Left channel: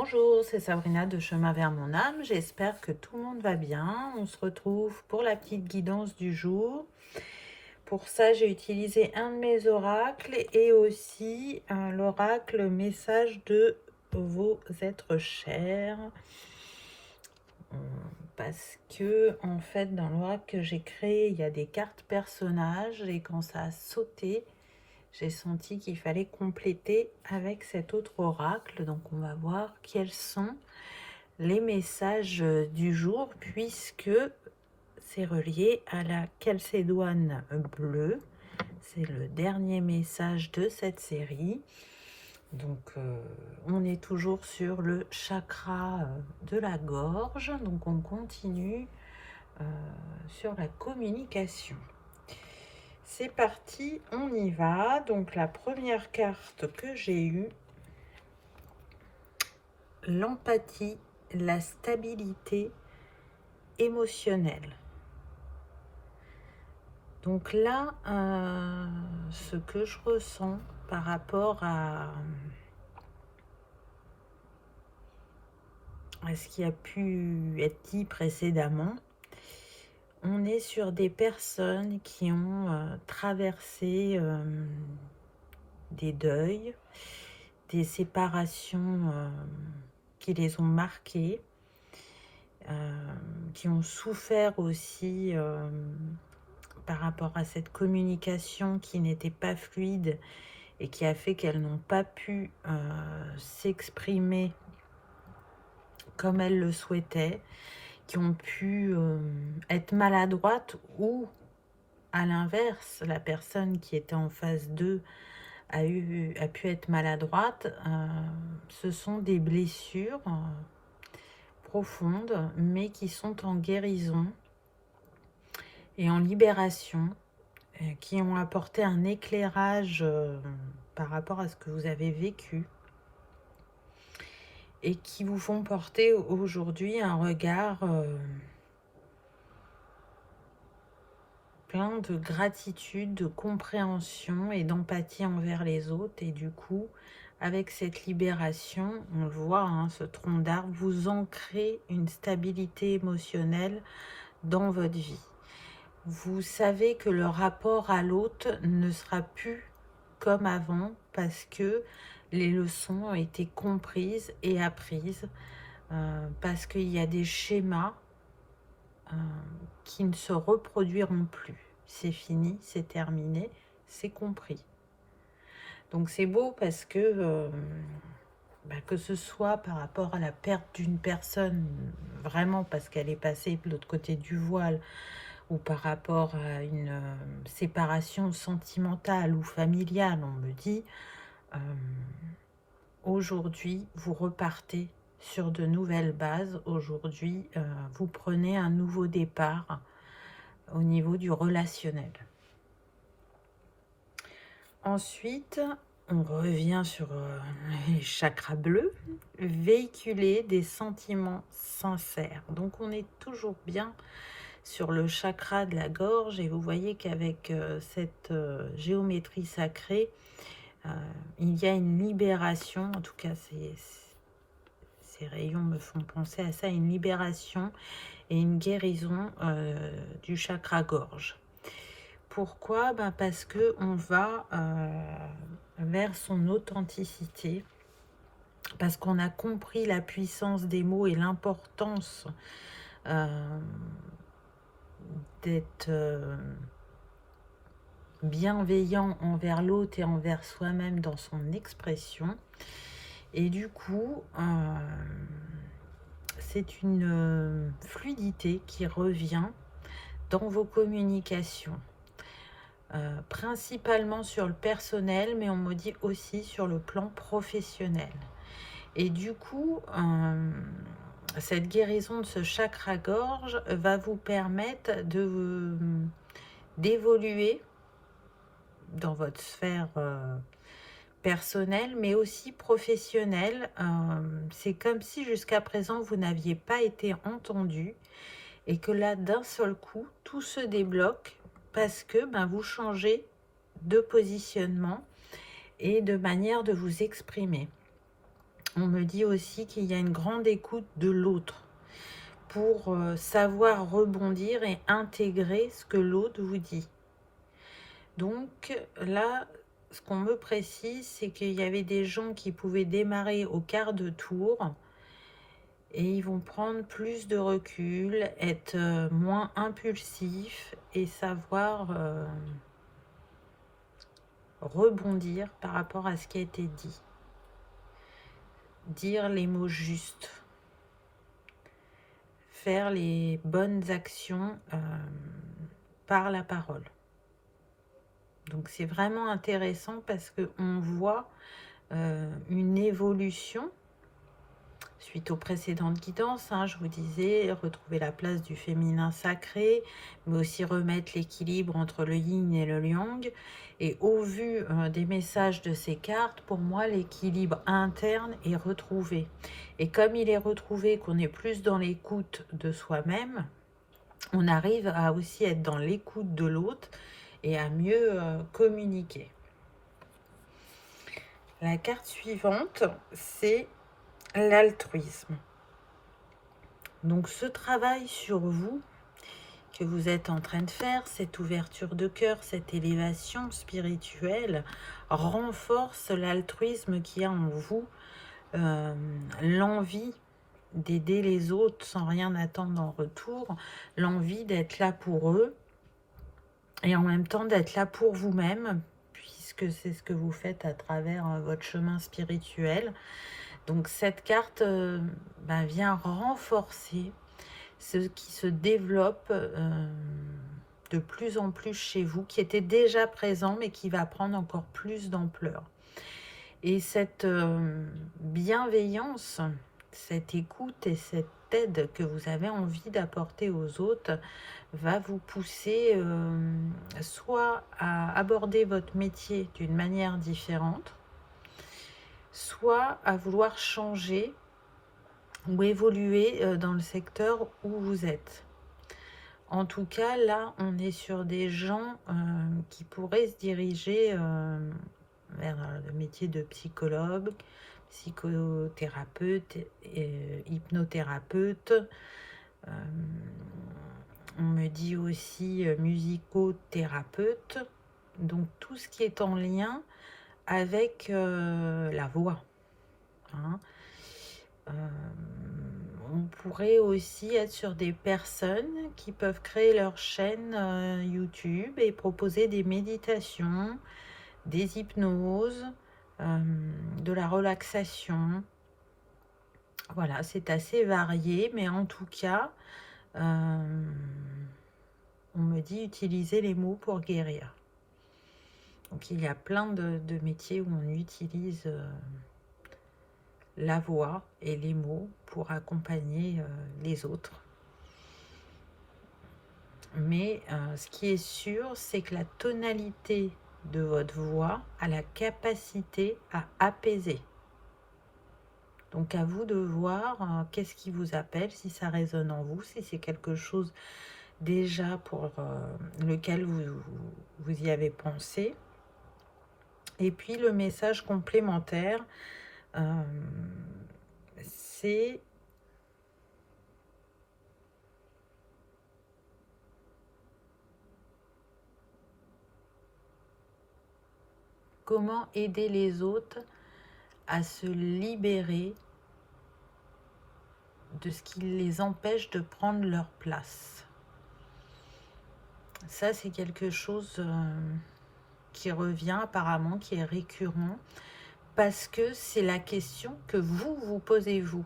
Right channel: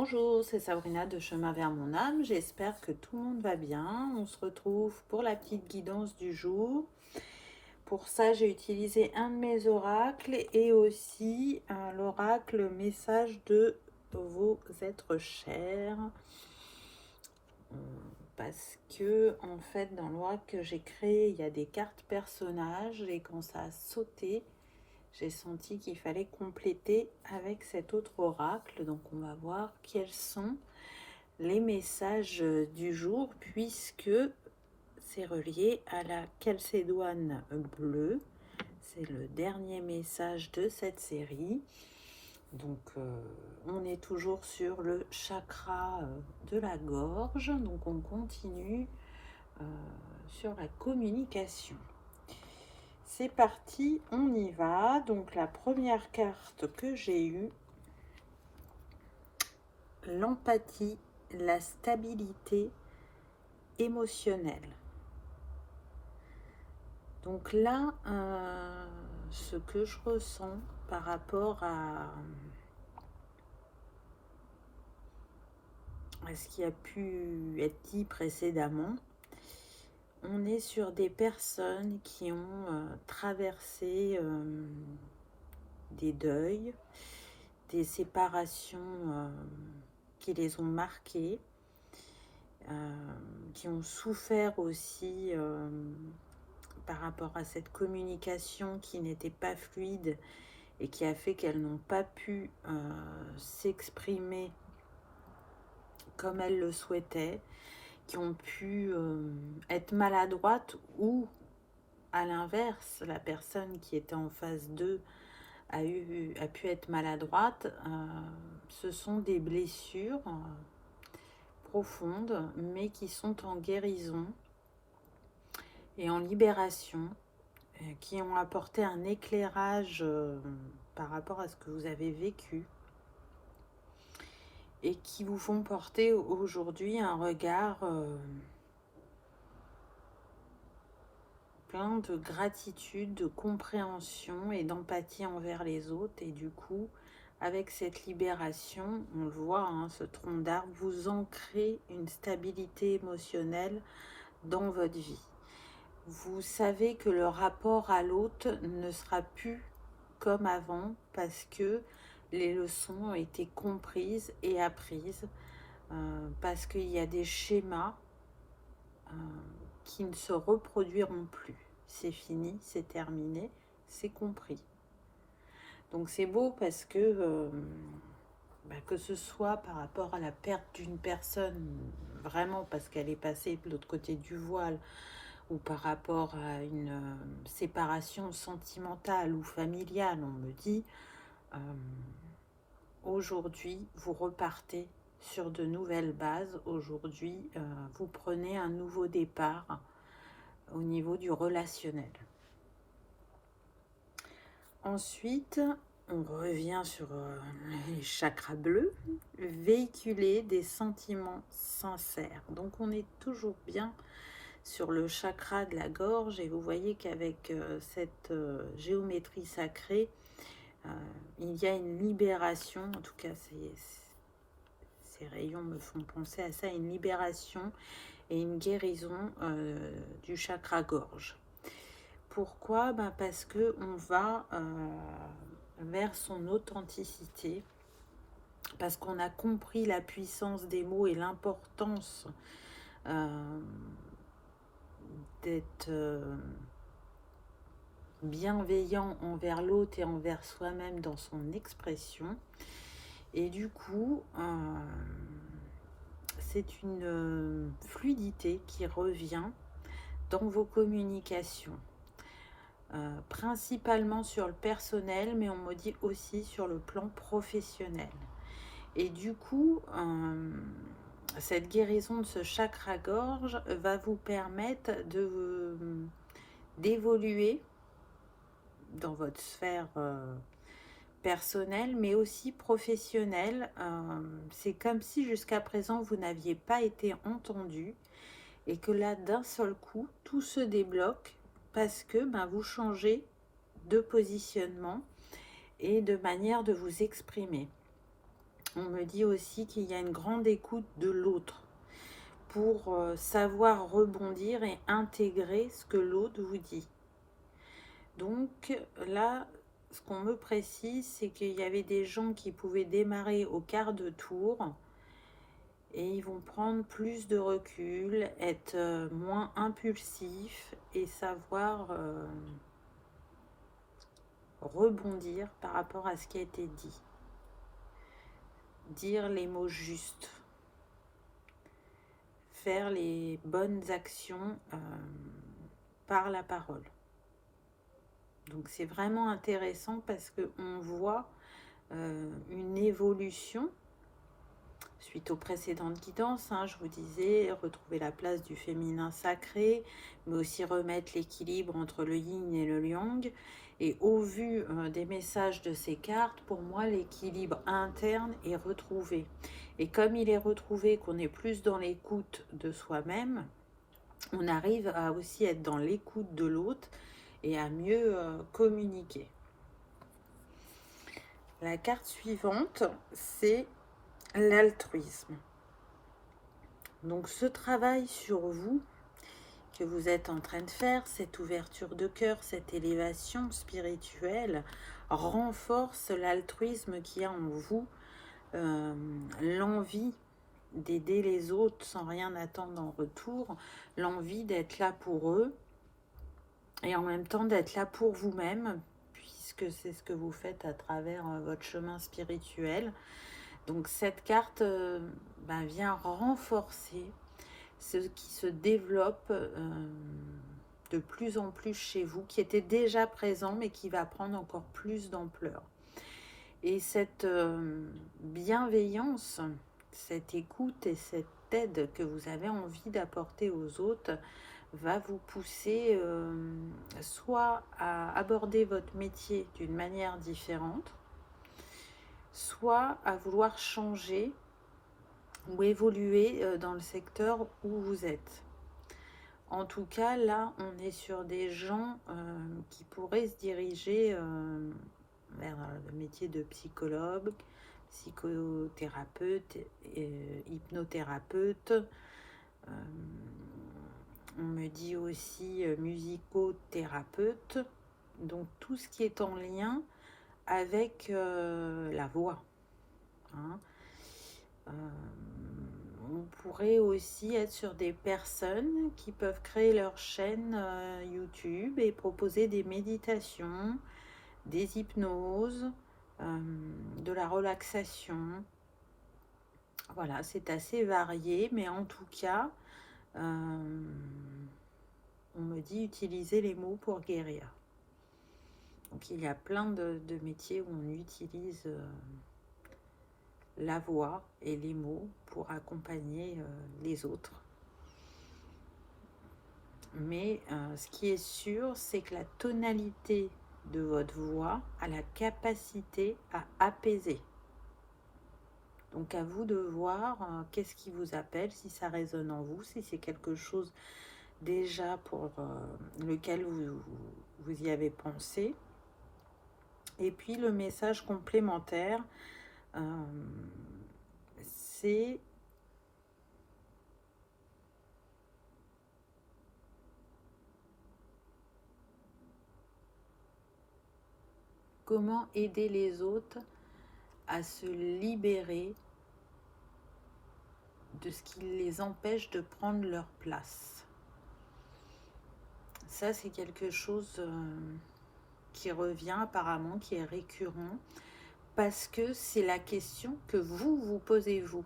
Bonjour, c'est Sabrina de Chemin vers mon âme. J'espère que tout le monde va bien. On se retrouve pour la petite guidance du jour. Pour ça, j'ai utilisé un de mes oracles et aussi l'oracle message de vos êtres chers. Parce que, en fait, dans l'oracle que j'ai créé, il y a des cartes personnages et quand ça a sauté, j'ai senti qu'il fallait compléter avec cet autre oracle. Donc, on va voir quels sont les messages du jour puisque c'est relié à la calcédoine bleue. C'est le dernier message de cette série. Donc, on est toujours sur le chakra de la gorge. Donc, on continue sur la communication. C'est parti, on y va. Donc, la première carte que j'ai eue, l'empathie, la stabilité émotionnelle. Donc là, ce que je ressens par rapport à ce qui a pu être dit précédemment, on est sur des personnes qui ont traversé des deuils, des séparations qui les ont marquées, qui ont souffert aussi par rapport à cette communication qui n'était pas fluide et qui a fait qu'elles n'ont pas pu s'exprimer comme elles le souhaitaient, qui ont pu être maladroites ou à l'inverse, la personne qui était en phase 2 a pu être maladroite. Ce sont des blessures profondes mais qui sont en guérison et en libération, qui ont apporté un éclairage par rapport à ce que vous avez vécu et qui vous font porter aujourd'hui un regard plein de gratitude, de compréhension et d'empathie envers les autres. Et du coup, avec cette libération, on le voit, hein, ce tronc d'arbre, vous ancrez une stabilité émotionnelle dans votre vie. Vous savez que le rapport à l'autre ne sera plus comme avant parce que les leçons ont été comprises et apprises, parce qu'il y a des schémas qui ne se reproduiront plus. C'est fini, c'est terminé, c'est compris. Donc c'est beau parce que ce soit par rapport à la perte d'une personne, vraiment parce qu'elle est passée de l'autre côté du voile, ou par rapport à une séparation sentimentale ou familiale, on me dit, aujourd'hui, vous repartez sur de nouvelles bases. Aujourd'hui, vous prenez un nouveau départ au niveau du relationnel. Ensuite, on revient sur les chakras bleus, véhiculer des sentiments sincères. Donc, on est toujours bien sur le chakra de la gorge et vous voyez qu'avec cette géométrie sacrée, il y a une libération, en tout cas ces rayons me font penser à ça, une libération et une guérison du chakra gorge. Pourquoi? Parce qu'on va vers son authenticité, parce qu'on a compris la puissance des mots et l'importance d'être bienveillant envers l'autre et envers soi-même dans son expression. Et du coup, c'est une fluidité qui revient dans vos communications. Principalement sur le personnel, mais on me dit aussi sur le plan professionnel. Et du coup, cette guérison de ce chakra-gorge va vous permettre d'évoluer dans votre sphère personnelle, mais aussi professionnelle. C'est comme si jusqu'à présent, vous n'aviez pas été entendu et que là, d'un seul coup, tout se débloque parce que vous changez de positionnement et de manière de vous exprimer. On me dit aussi qu'il y a une grande écoute de l'autre pour savoir rebondir et intégrer ce que l'autre vous dit. Donc là, ce qu'on me précise, c'est qu'il y avait des gens qui pouvaient démarrer au quart de tour et ils vont prendre plus de recul, être moins impulsifs et savoir rebondir par rapport à ce qui a été dit. Dire les mots justes, faire les bonnes actions par la parole. Donc c'est vraiment intéressant parce qu'on voit une évolution suite aux précédentes guidances. Je vous disais, retrouver la place du féminin sacré, mais aussi remettre l'équilibre entre le yin et le yang. Et au vu des messages de ces cartes, pour moi, l'équilibre interne est retrouvé. Et comme il est retrouvé, qu'on est plus dans l'écoute de soi-même, on arrive à aussi être dans l'écoute de l'autre et à mieux communiquer. La carte suivante, c'est l'altruisme. Donc ce travail sur vous que vous êtes en train de faire, cette ouverture de cœur, cette élévation spirituelle, renforce l'altruisme qu'il y a en vous, l'envie d'aider les autres sans rien attendre en retour, l'envie d'être là pour eux et en même temps d'être là pour vous-même, puisque c'est ce que vous faites à travers votre chemin spirituel. Donc cette carte vient renforcer ce qui se développe de plus en plus chez vous, qui était déjà présent mais qui va prendre encore plus d'ampleur. Et cette bienveillance, cette écoute et cette aide que vous avez envie d'apporter aux autres va vous pousser soit à aborder votre métier d'une manière différente, soit à vouloir changer ou évoluer dans le secteur où vous êtes. En tout cas, là, on est sur des gens qui pourraient se diriger vers le métier de psychologue, psychothérapeute, hypnothérapeute. On me dit aussi musicothérapeute. Donc, tout ce qui est en lien avec la voix. On pourrait aussi être sur des personnes qui peuvent créer leur chaîne YouTube et proposer des méditations, des hypnoses, de la relaxation. Voilà, c'est assez varié, mais en tout cas, on me dit utiliser les mots pour guérir. Donc il y a plein de métiers où on utilise la voix et les mots pour accompagner les autres. Mais ce qui est sûr, c'est que la tonalité de votre voix a la capacité à apaiser. Donc à vous de voir qu'est-ce qui vous appelle, si ça résonne en vous, si c'est quelque chose déjà pour lequel vous y avez pensé. Et puis le message complémentaire, c'est comment aider les autres à se libérer de ce qui les empêche de prendre leur place. Ça, c'est quelque chose qui revient apparemment, qui est récurrent, parce que c'est la question que vous vous posez vous.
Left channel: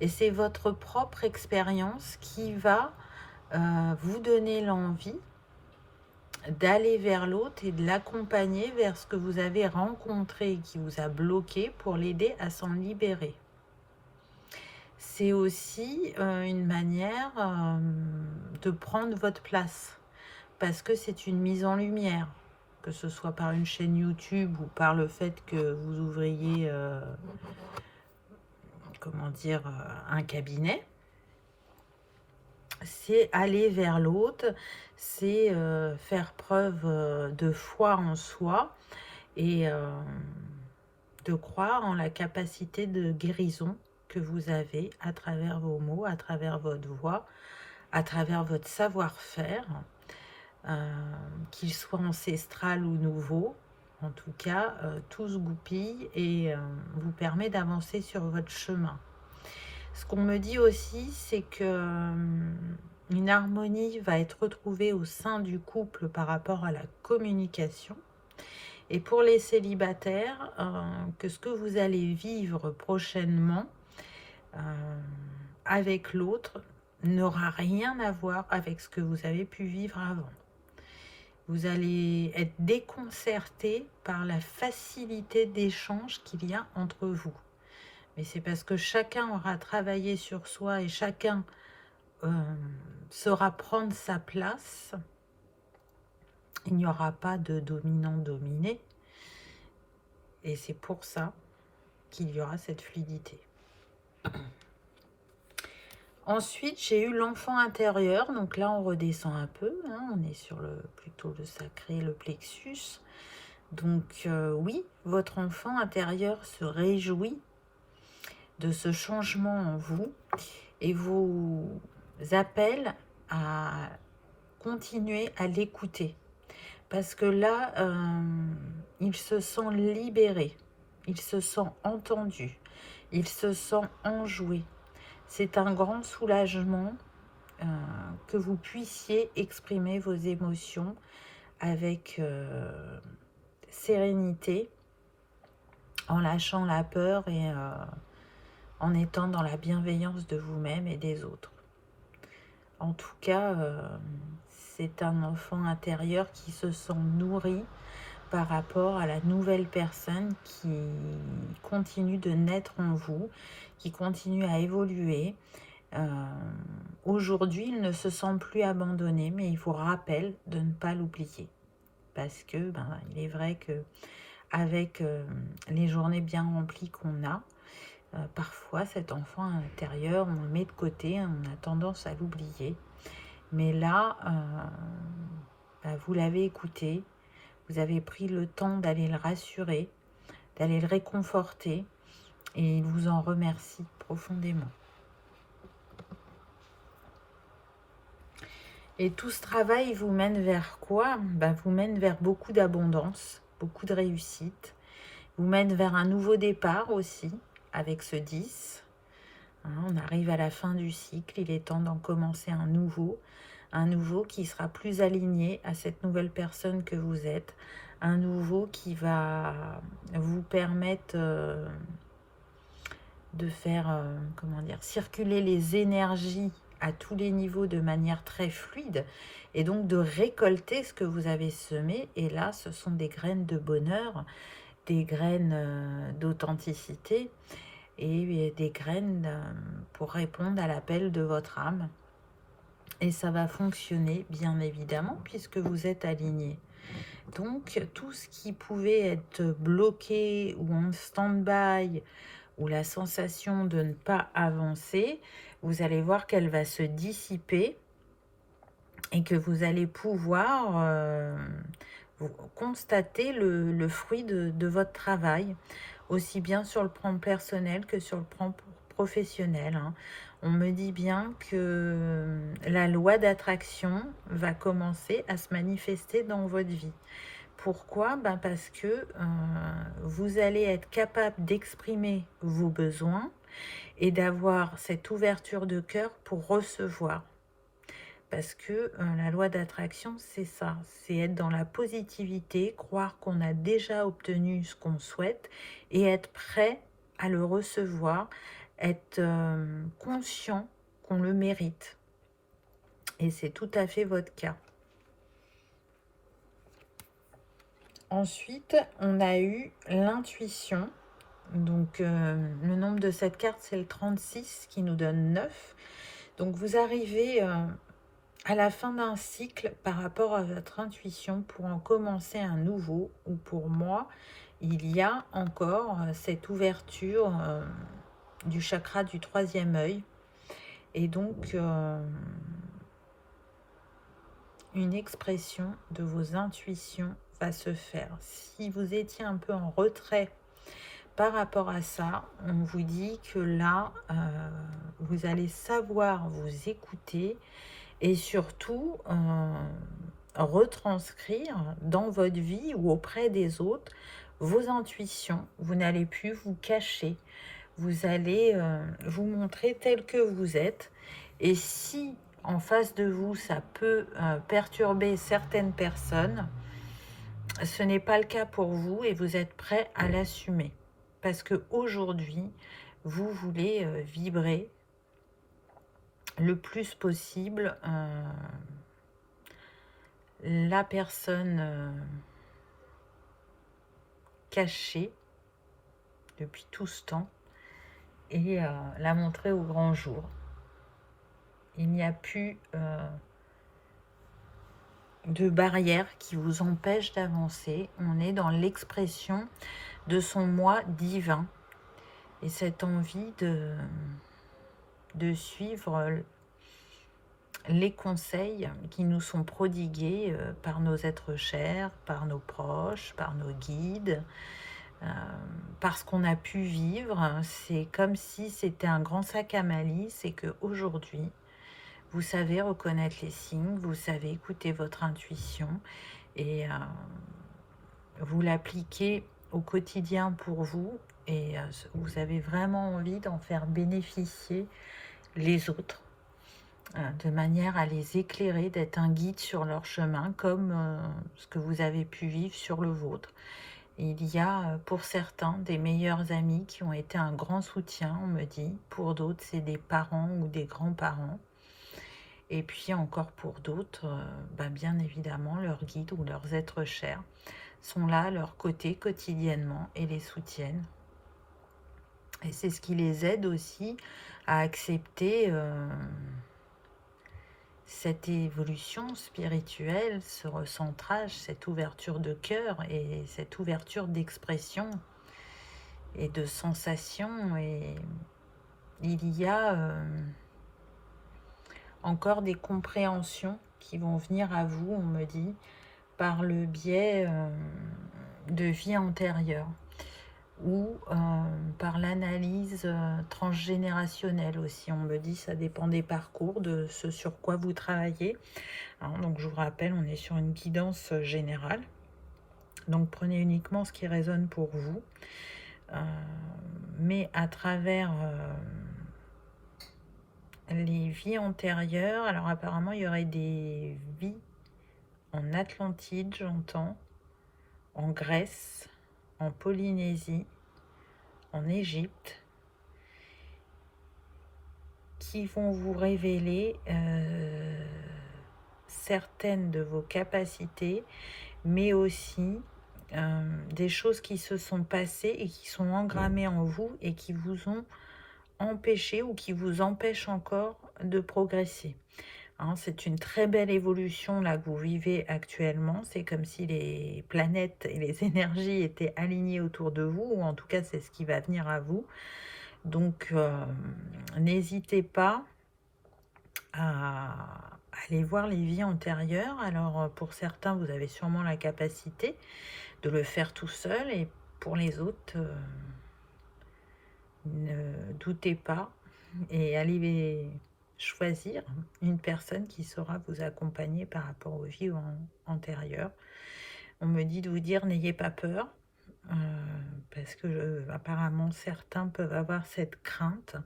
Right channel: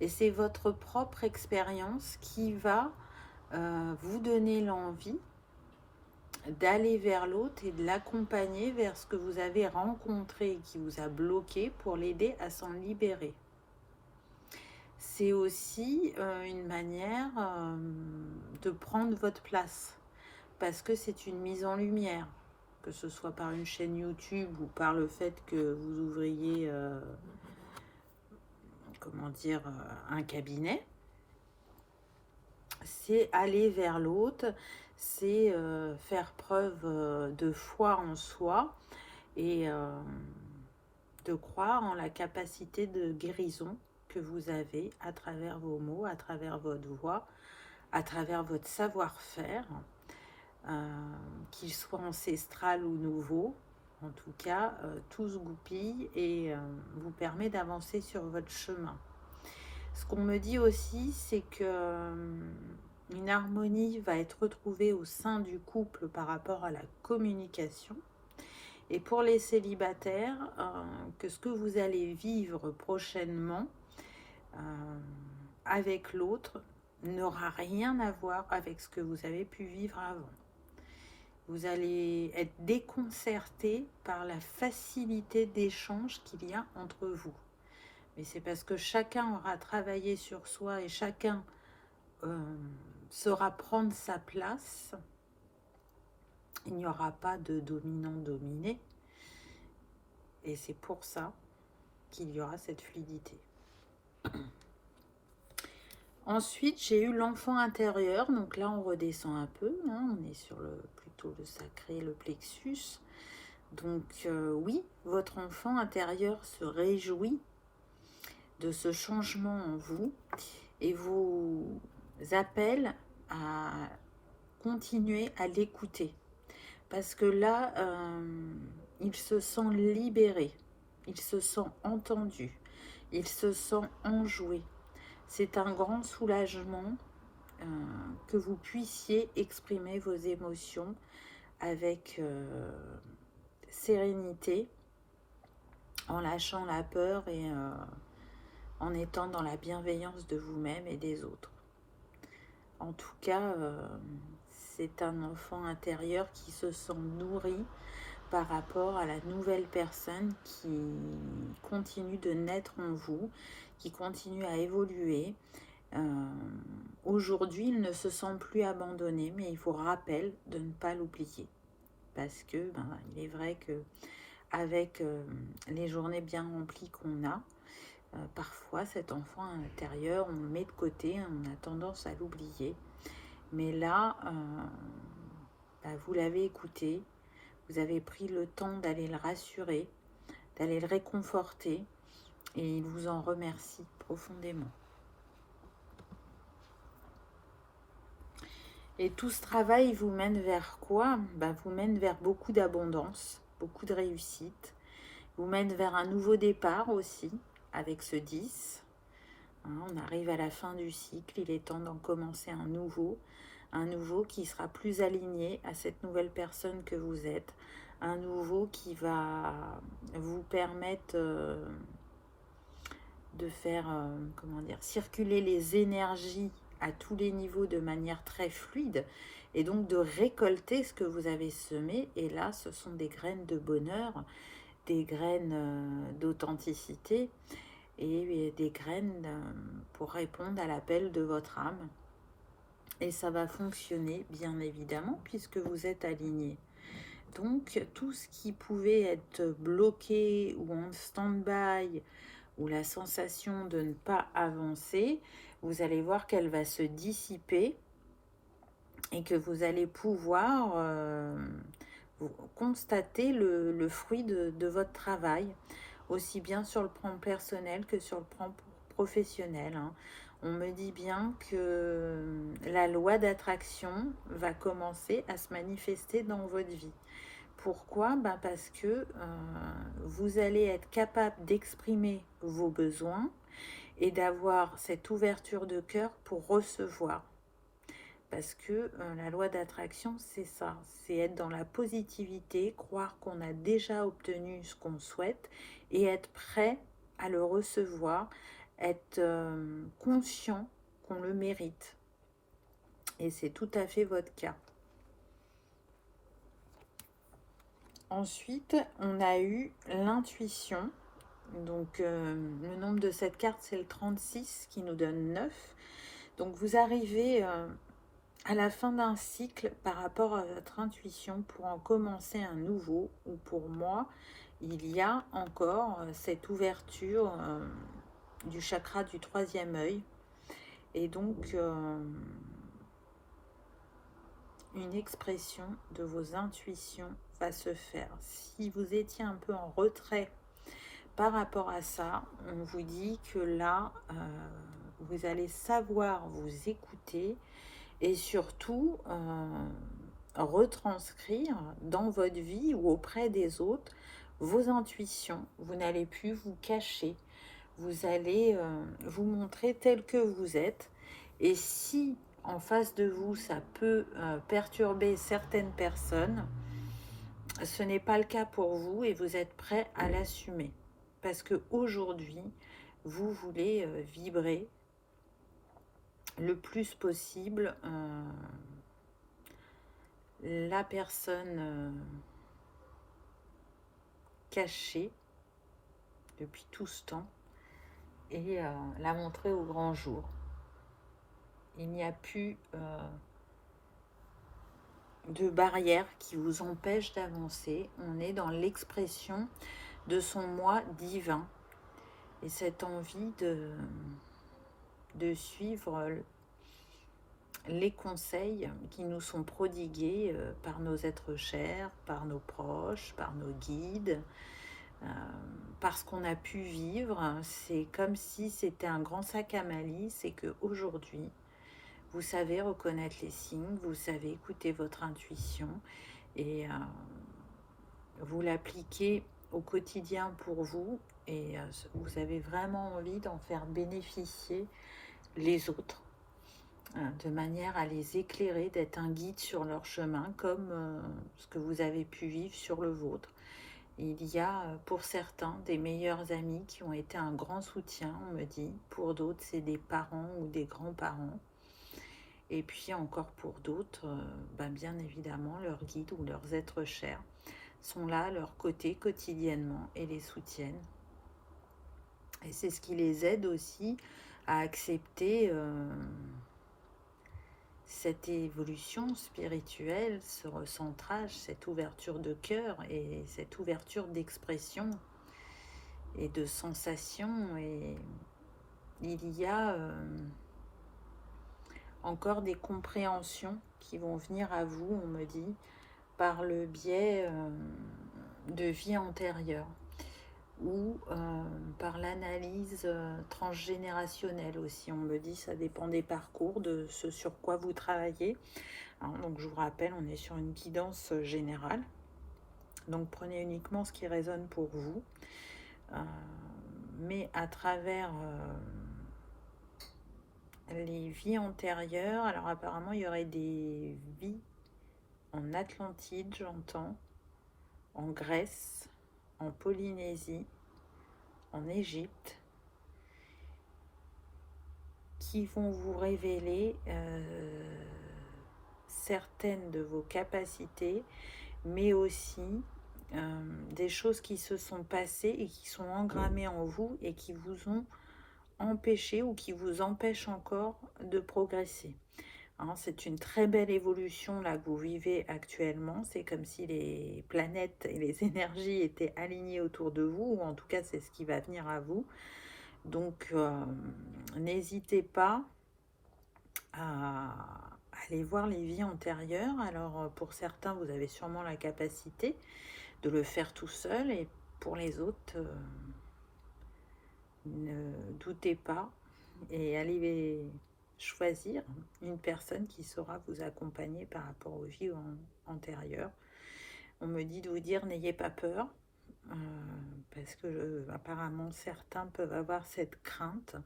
Et c'est votre propre expérience qui va vous donner l'envie d'aller vers l'autre et de l'accompagner vers ce que vous avez rencontré et qui vous a bloqué pour l'aider à s'en libérer. C'est aussi une manière de prendre votre place, parce que c'est une mise en lumière, que ce soit par une chaîne YouTube ou par le fait que vous ouvriez un cabinet. C'est aller vers l'autre, c'est faire preuve de foi en soi et de croire en la capacité de guérison que vous avez à travers vos mots, à travers votre voix, à travers votre savoir-faire, qu'il soit ancestral ou nouveau. En tout cas, tout se goupille et vous permet d'avancer sur votre chemin. Ce qu'on me dit aussi, c'est que une harmonie va être retrouvée au sein du couple par rapport à la communication. Et pour les célibataires, que ce que vous allez vivre prochainement avec l'autre n'aura rien à voir avec ce que vous avez pu vivre avant. Vous allez être déconcerté par la facilité d'échange qu'il y a entre vous. Mais c'est parce que chacun aura travaillé sur soi et chacun saura prendre sa place. Il n'y aura pas de dominant-dominé. Et c'est pour ça qu'il y aura cette fluidité. Ensuite, j'ai eu l'enfant intérieur. Donc là, on redescend un peu. On est sur plutôt le sacré, le plexus. Donc oui, votre enfant intérieur se réjouit de ce changement en vous et vous appelle à continuer à l'écouter. Parce que là, il se sent libéré, il se sent entendu, il se sent enjoué. C'est un grand soulagement que vous puissiez exprimer vos émotions avec sérénité, en lâchant la peur et en étant dans la bienveillance de vous-même et des autres. En tout cas, c'est un enfant intérieur qui se sent nourri par rapport à la nouvelle personne qui continue de naître en vous, qui continue à évoluer. Aujourd'hui, il ne se sent plus abandonné, mais il vous rappelle de ne pas l'oublier. Parce que, il est vrai que avec les journées bien remplies qu'on a, parfois cet enfant intérieur, on le met de côté, on a tendance à l'oublier. Mais là, vous l'avez écouté, vous avez pris le temps d'aller le rassurer, d'aller le réconforter, et il vous en remercie profondément. Et tout ce travail vous mène vers quoi? Vous mène vers beaucoup d'abondance, beaucoup de réussite, vous mène vers un nouveau départ aussi, avec ce 10. On arrive à la fin du cycle, il est temps d'en commencer un nouveau qui sera plus aligné à cette nouvelle personne que vous êtes, un nouveau qui va vous permettre de faire circuler les énergies à tous les niveaux de manière très fluide et donc de récolter ce que vous avez semé. Et là, ce sont des graines de bonheur, des graines d'authenticité et des graines pour répondre à l'appel de votre âme. Et ça va fonctionner, bien évidemment, puisque vous êtes aligné. Donc, tout ce qui pouvait être bloqué ou en stand-by, ou la sensation de ne pas avancer, vous allez voir qu'elle va se dissiper et que vous allez pouvoir constater le fruit de votre travail, aussi bien sur le plan personnel que sur le plan professionnel. On me dit bien que la loi d'attraction va commencer à se manifester dans votre vie. Pourquoi? Parce que vous allez être capable d'exprimer vos besoins et d'avoir cette ouverture de cœur pour recevoir. Parce que la loi d'attraction, c'est ça, c'est être dans la positivité, croire qu'on a déjà obtenu ce qu'on souhaite et être prêt à le recevoir, être conscient qu'on le mérite. Et c'est tout à fait votre cas. Ensuite, on a eu l'intuition. Donc, le nombre de cette carte, c'est le 36 qui nous donne 9. Donc, vous arrivez à la fin d'un cycle par rapport à votre intuition pour en commencer un nouveau. Ou pour moi, il y a encore cette ouverture du chakra du 3e œil. Et donc, une expression de vos intuitions va se faire. Si vous étiez un peu en retrait par rapport à ça, on vous dit que là, vous allez savoir vous écouter et surtout retranscrire dans votre vie ou auprès des autres vos intuitions. Vous n'allez plus vous cacher. Vous allez vous montrer tel que vous êtes. Et si en face de vous, ça peut perturber certaines personnes, ce n'est pas le cas pour vous et vous êtes prêt à l'assumer. Parce qu'aujourd'hui, vous voulez vibrer le plus possible la personne cachée depuis tout ce temps et la montrer au grand jour. Il n'y a plus de barrière qui vous empêche d'avancer. On est dans l'expression de son moi divin et cette envie de suivre les conseils qui nous sont prodigués par nos êtres chers, par nos proches, par nos guides, parce qu'on a pu vivre. C'est comme si c'était un grand sac à malice et qu'aujourd'hui, vous savez reconnaître les signes, vous savez écouter votre intuition et vous l'appliquez au quotidien pour vous et vous avez vraiment envie d'en faire bénéficier les autres de manière à les éclairer, d'être un guide sur leur chemin comme ce que vous avez pu vivre sur le vôtre. Il y a pour certains des meilleurs amis qui ont été un grand soutien, on me dit. Pour d'autres, c'est des parents ou des grands-parents. Et puis encore pour d'autres, bien évidemment, leurs guides ou leurs êtres chers sont là à leur côté quotidiennement et les soutiennent. Et c'est ce qui les aide aussi à accepter cette évolution spirituelle, ce recentrage, cette ouverture de cœur et cette ouverture d'expression et de sensation. Et il y a encore des compréhensions qui vont venir à vous, on me dit, par le biais de vie antérieure ou par l'analyse transgénérationnelle aussi. On me dit ça dépend des parcours, de ce sur quoi vous travaillez. Alors, donc je vous rappelle, on est sur une guidance générale. Donc prenez uniquement ce qui résonne pour vous. Mais à travers les vies antérieures, alors apparemment il y aurait des vies en Atlantide, j'entends, en Grèce, en Polynésie, en Égypte, qui vont vous révéler certaines de vos capacités, mais aussi des choses qui se sont passées et qui sont engrammées en vous et qui vous ont empêché ou qui vous empêchent encore de progresser. Hein, c'est une très belle évolution là que vous vivez actuellement. C'est comme si les planètes et les énergies étaient alignées autour de vous, ou en tout cas c'est ce qui va venir à vous. Donc n'hésitez pas à aller voir les vies antérieures. Alors pour certains, vous avez sûrement la capacité de le faire tout seul, et pour les autres, ne doutez pas et allez choisir une personne qui saura vous accompagner par rapport aux vies antérieures. On me dit de vous dire n'ayez pas peur, parce que apparemment certains peuvent avoir cette crainte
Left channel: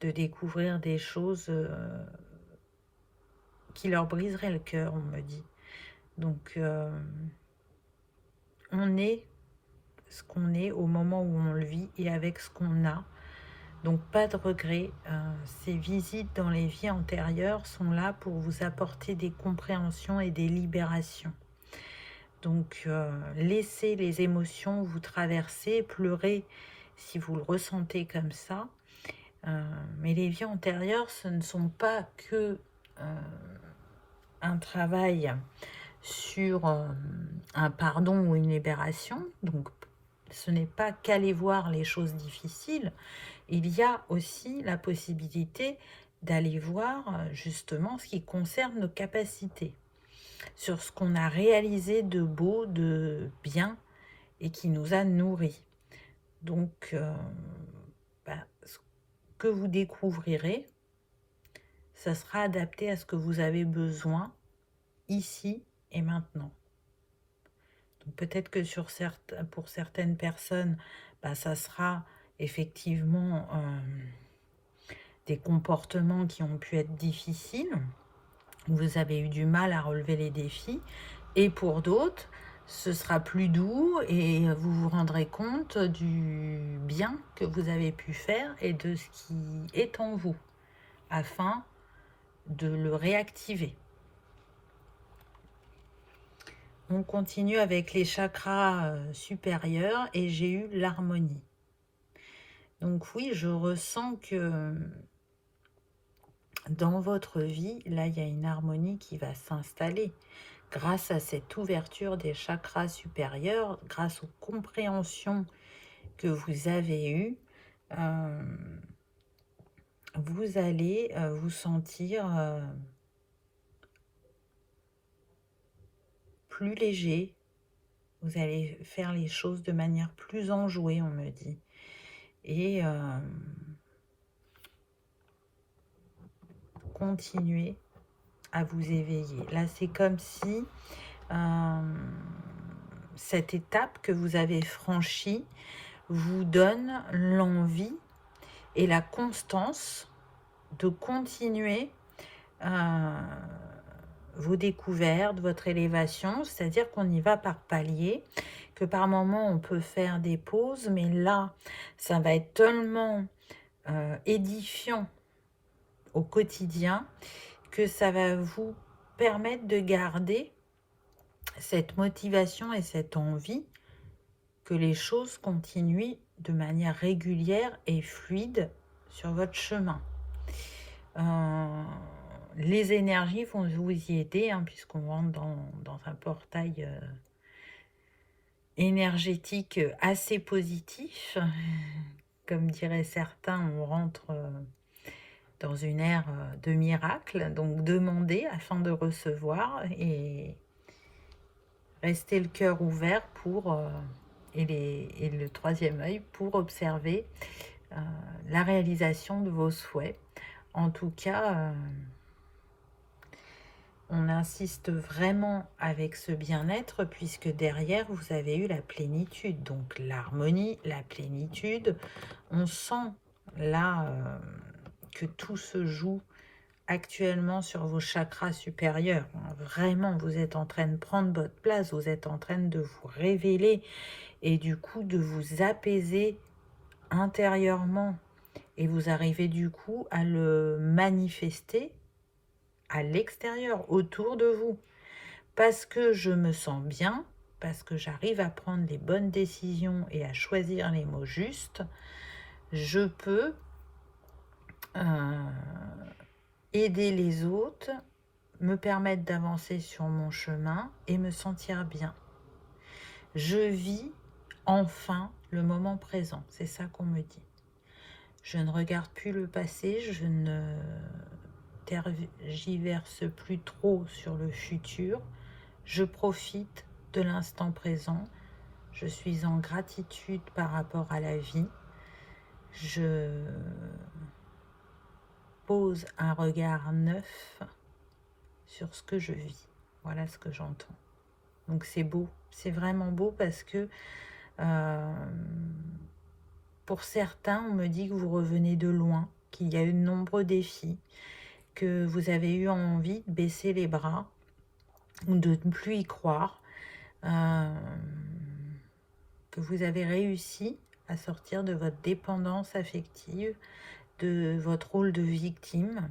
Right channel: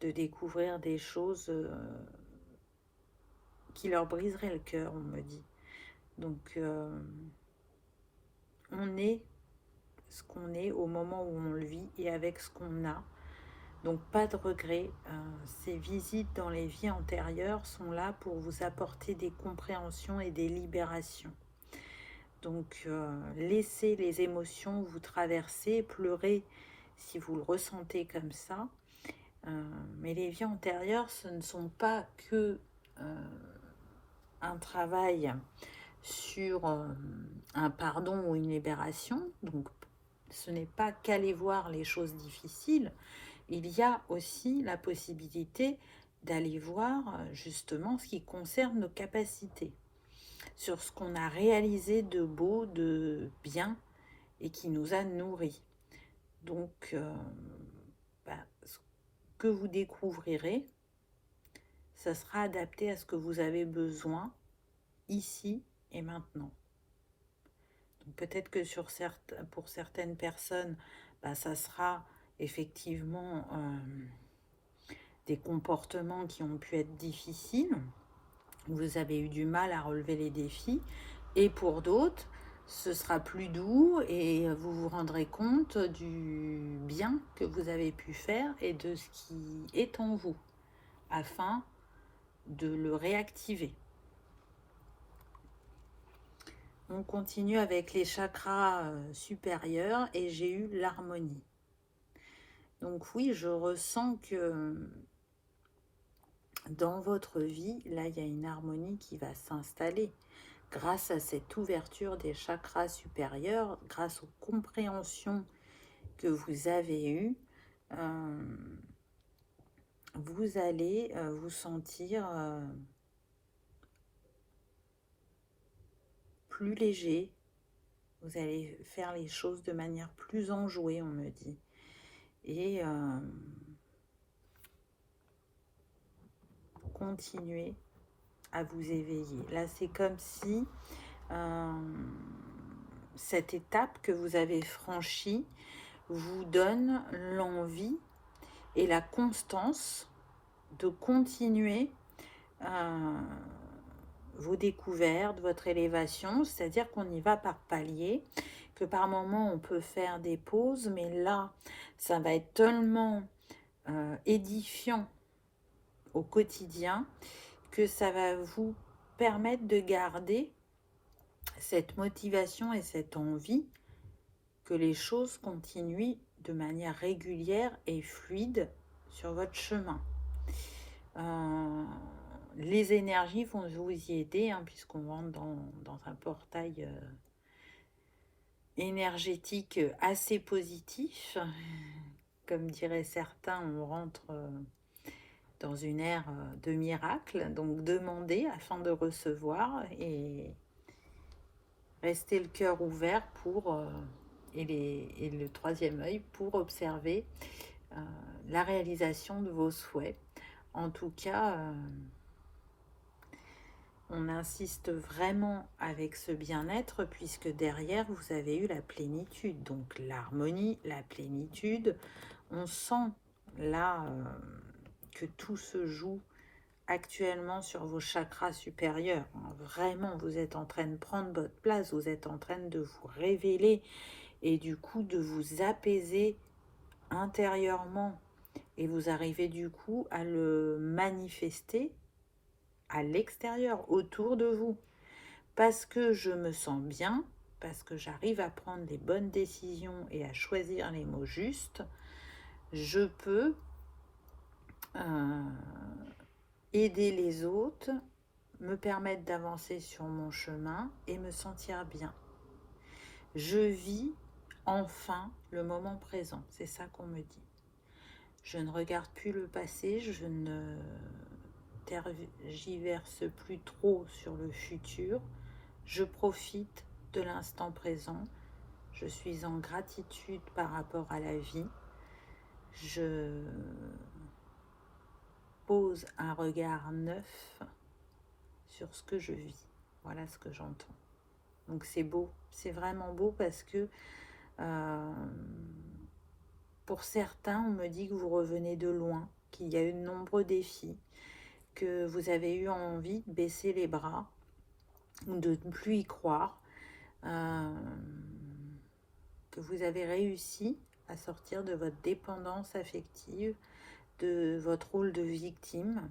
de découvrir des choses qui leur briseraient le cœur, on me dit. Donc on est ce qu'on est au moment où on le vit et avec ce qu'on a. Donc pas de regret. Ces visites dans les vies antérieures sont là pour vous apporter des compréhensions et des libérations. Donc laissez les émotions vous traverser, pleurez si vous le ressentez comme ça. Mais les vies antérieures, ce ne sont pas que un travail sur un pardon ou une libération. Donc ce n'est pas qu'aller voir les choses difficiles. Il y a aussi la possibilité d'aller voir justement ce qui concerne nos capacités, sur ce qu'on a réalisé de beau, de bien et qui nous a nourris. Donc, ce que vous découvrirez, ça sera adapté à ce que vous avez besoin ici et maintenant. Donc peut-être que pour certaines personnes, ça sera effectivement des comportements qui ont pu être difficiles, vous avez eu du mal à relever les défis, et pour d'autres, ce sera plus doux et vous vous rendrez compte du bien que vous avez pu faire et de ce qui est en vous, afin de le réactiver. On continue avec les chakras supérieurs et j'ai eu l'harmonie. Donc oui, je ressens que dans votre vie, là, il y a une harmonie qui va s'installer grâce à cette ouverture des chakras supérieurs, grâce aux compréhensions que vous avez eues. Vous allez vous sentir plus léger. Vous allez faire les choses de manière plus enjouée, on me dit. Et continuez à vous éveiller. Là, c'est comme si cette étape que vous avez franchie vous donne l'envie et la constance de continuer vos découvertes, votre élévation, c'est-à-dire qu'on y va par paliers, que par moments on peut faire des pauses, mais là, ça va être tellement édifiant au quotidien que ça va vous permettre de garder cette motivation et cette envie que les choses continuent de manière régulière et fluide sur votre chemin. Les énergies vont vous y aider, puisqu'on rentre dans un portail énergétique assez positif. Comme diraient certains, on rentre dans une ère de miracle. Donc demandez afin de recevoir et restez le cœur ouvert pour et le troisième œil pour observer la réalisation de vos souhaits. En tout cas, on insiste vraiment avec ce bien-être, puisque derrière, vous avez eu la plénitude. Donc l'harmonie, la plénitude. On sent là que tout se joue actuellement sur vos chakras supérieurs. Vraiment, vous êtes en train de prendre votre place, vous êtes en train de vous révéler et du coup de vous apaiser intérieurement. Et vous arrivez du coup à le manifester à l'extérieur, autour de vous. Parce que je me sens bien, parce que j'arrive à prendre les bonnes décisions et à choisir les mots justes, je peux aider les autres, me permettre d'avancer sur mon chemin et me sentir bien. Je vis enfin le moment présent, c'est ça qu'on me dit. Je ne regarde plus le passé, je ne tergiverse plus trop sur le futur. Je profite de l'instant présent. Je suis en gratitude par rapport à la vie. Je pose un regard neuf sur ce que je vis. Voilà ce que j'entends. Donc c'est beau, c'est vraiment beau parce que pour certains, on me dit que vous revenez de loin, qu'il y a eu de nombreux défis, que vous avez eu envie de baisser les bras ou de ne plus y croire, que vous avez réussi à sortir de votre dépendance affective, de votre rôle de victime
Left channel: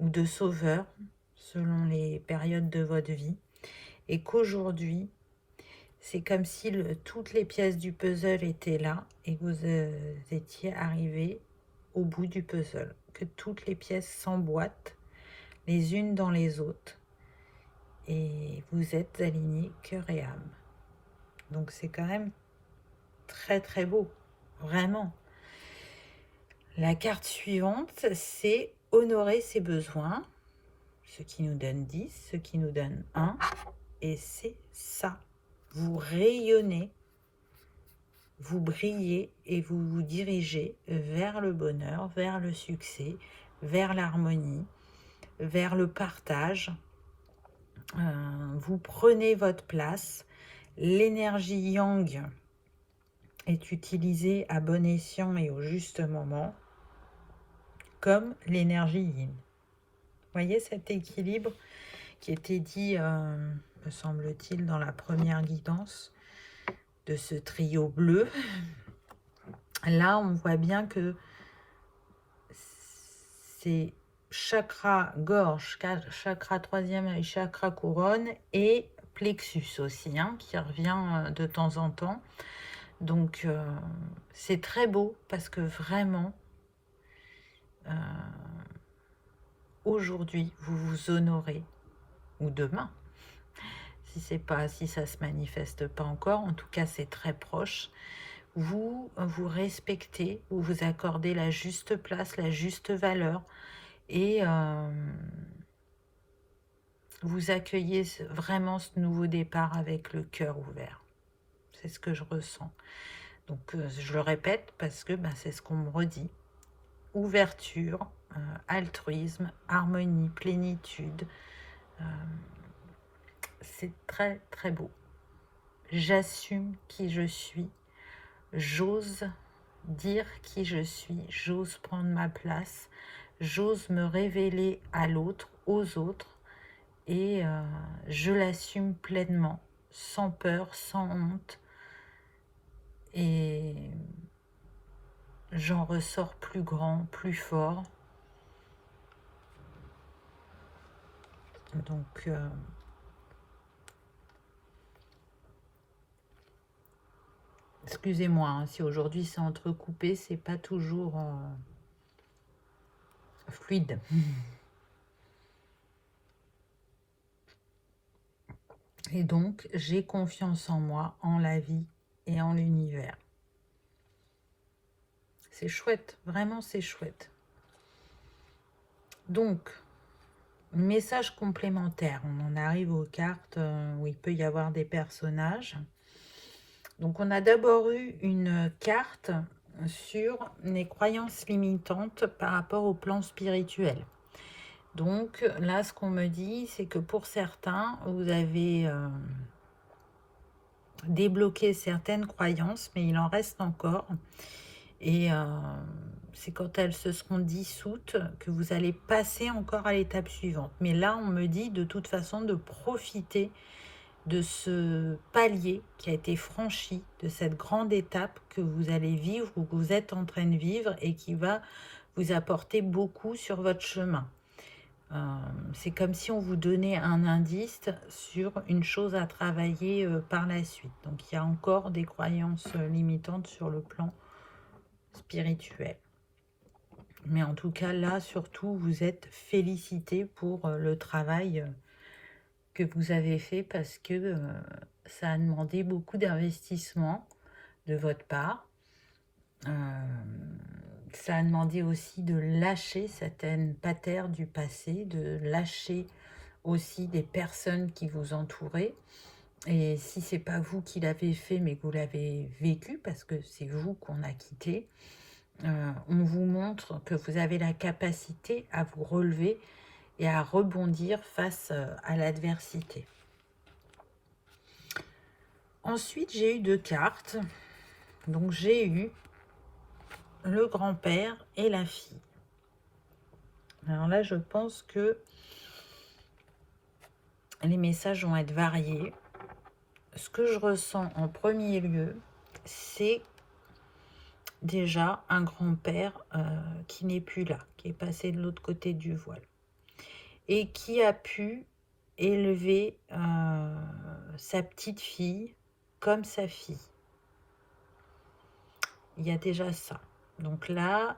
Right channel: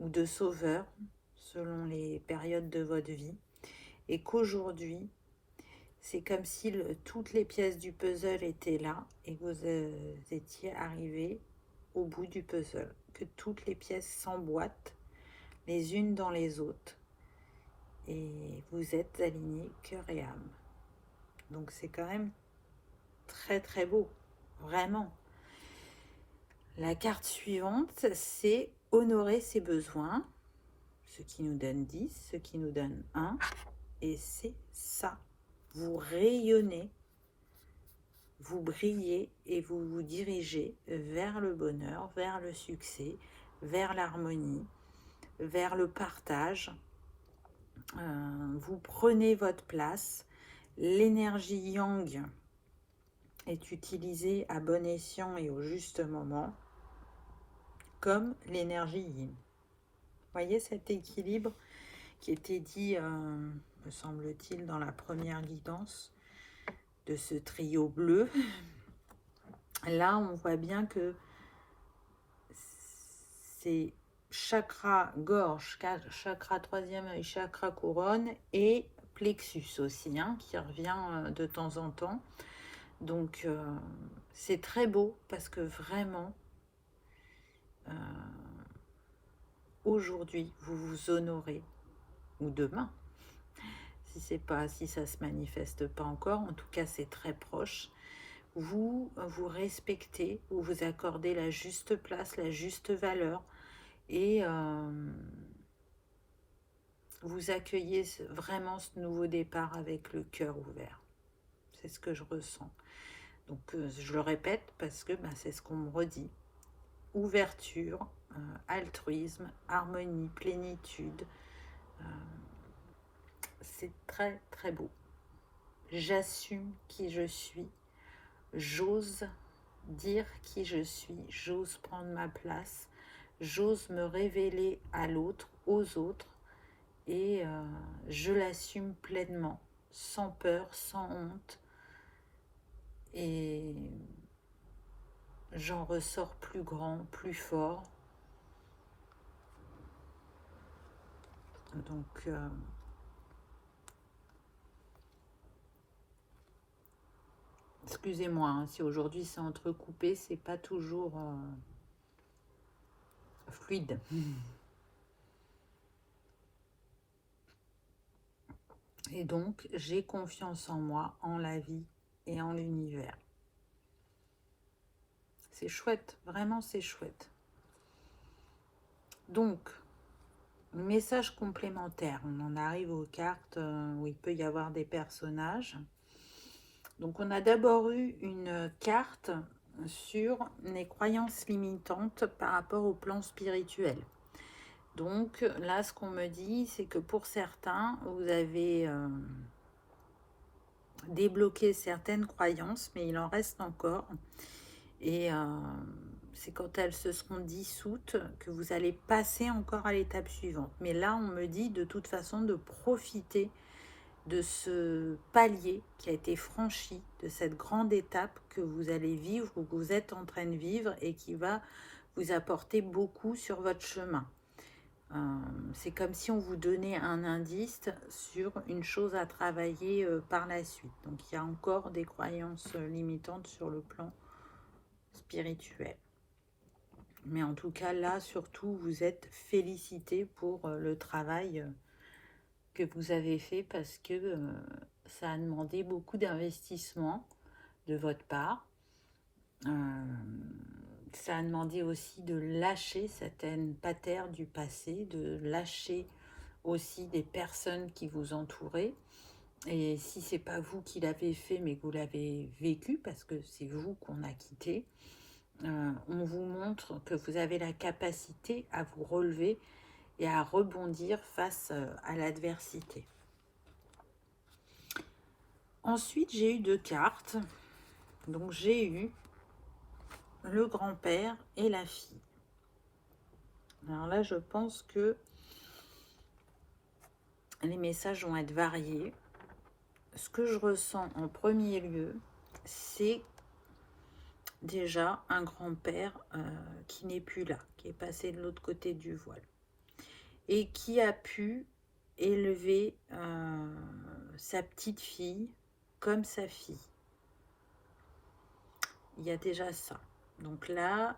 ou de sauveur, selon les périodes de votre vie, et qu'aujourd'hui, c'est comme si toutes les pièces du puzzle étaient là et que vous étiez arrivé au bout du puzzle, que toutes les pièces s'emboîtent les unes dans les autres et vous êtes alignés cœur et âme. Donc c'est quand même très très beau, vraiment. La carte suivante, c'est honorer ses besoins, ce qui nous donne 10, ce qui nous donne 1, et c'est ça. Vous rayonnez vous brillez et vous vous dirigez vers le bonheur, vers le succès, vers l'harmonie, vers le partage. Vous prenez votre place. L'énergie yang est utilisée à bon escient et au juste moment, comme l'énergie yin. Voyez cet équilibre qui était dit, me semble-t-il, dans la première guidance de ce trio bleu. Là, on voit bien que c'est chakra gorge, chakra troisième œil, chakra couronne et plexus aussi, hein, qui revient de temps en temps. Donc, c'est très beau parce que vraiment, aujourd'hui, vous vous honorez, ou demain, si ça se manifeste pas encore, en tout cas, c'est très proche. Vous vous respectez, vous vous accordez la juste place, la juste valeur, et vous accueillez vraiment ce nouveau départ avec le cœur ouvert. C'est ce que je ressens. Donc, je le répète parce que c'est ce qu'on me redit. Ouverture, altruisme, harmonie, plénitude. C'est très, très beau. J'assume qui je suis. J'ose dire qui je suis. J'ose prendre ma place. J'ose me révéler à l'autre, aux autres. Et je l'assume pleinement, sans peur, sans honte. Et j'en ressors plus grand, plus fort. Donc, excusez-moi, hein, si aujourd'hui c'est entrecoupé, c'est pas toujours fluide. Et donc, j'ai confiance en moi, en la vie et en l'univers. C'est chouette, vraiment c'est chouette. Donc, message complémentaire. On en arrive aux cartes où il peut y avoir des personnages. Donc, on a d'abord eu une carte sur les croyances limitantes par rapport au plan spirituel. Donc, là, ce qu'on me dit, c'est que pour certains, vous avez débloqué certaines croyances, mais il en reste encore. Et c'est quand elles se seront dissoutes que vous allez passer encore à l'étape suivante. Mais là, on me dit de toute façon de profiter de ce palier qui a été franchi, de cette grande étape que vous allez vivre ou que vous êtes en train de vivre et qui va vous apporter beaucoup sur votre chemin. C'est comme si on vous donnait un indice sur une chose à travailler par la suite. Donc il y a encore des croyances limitantes sur le plan spirituel. Mais en tout cas, là, surtout, vous êtes félicité pour le travail que vous avez fait parce que ça a demandé beaucoup d'investissement de votre part. Ça a demandé aussi de lâcher certaines patterns du passé, de lâcher aussi des personnes qui vous entouraient. Et si c'est pas vous qui l'avez fait, mais que vous l'avez vécu, parce que c'est vous qu'on a quitté, on vous montre que vous avez la capacité à vous relever et à rebondir face à l'adversité. Ensuite, j'ai eu deux cartes. Donc, j'ai eu le grand-père et la fille. Alors là, je pense que les messages vont être variés. Ce que je ressens en premier lieu, c'est déjà un grand-père qui n'est plus là, qui est passé de l'autre côté du voile et qui a pu élever sa petite fille comme sa fille. Il y a déjà ça. Donc là,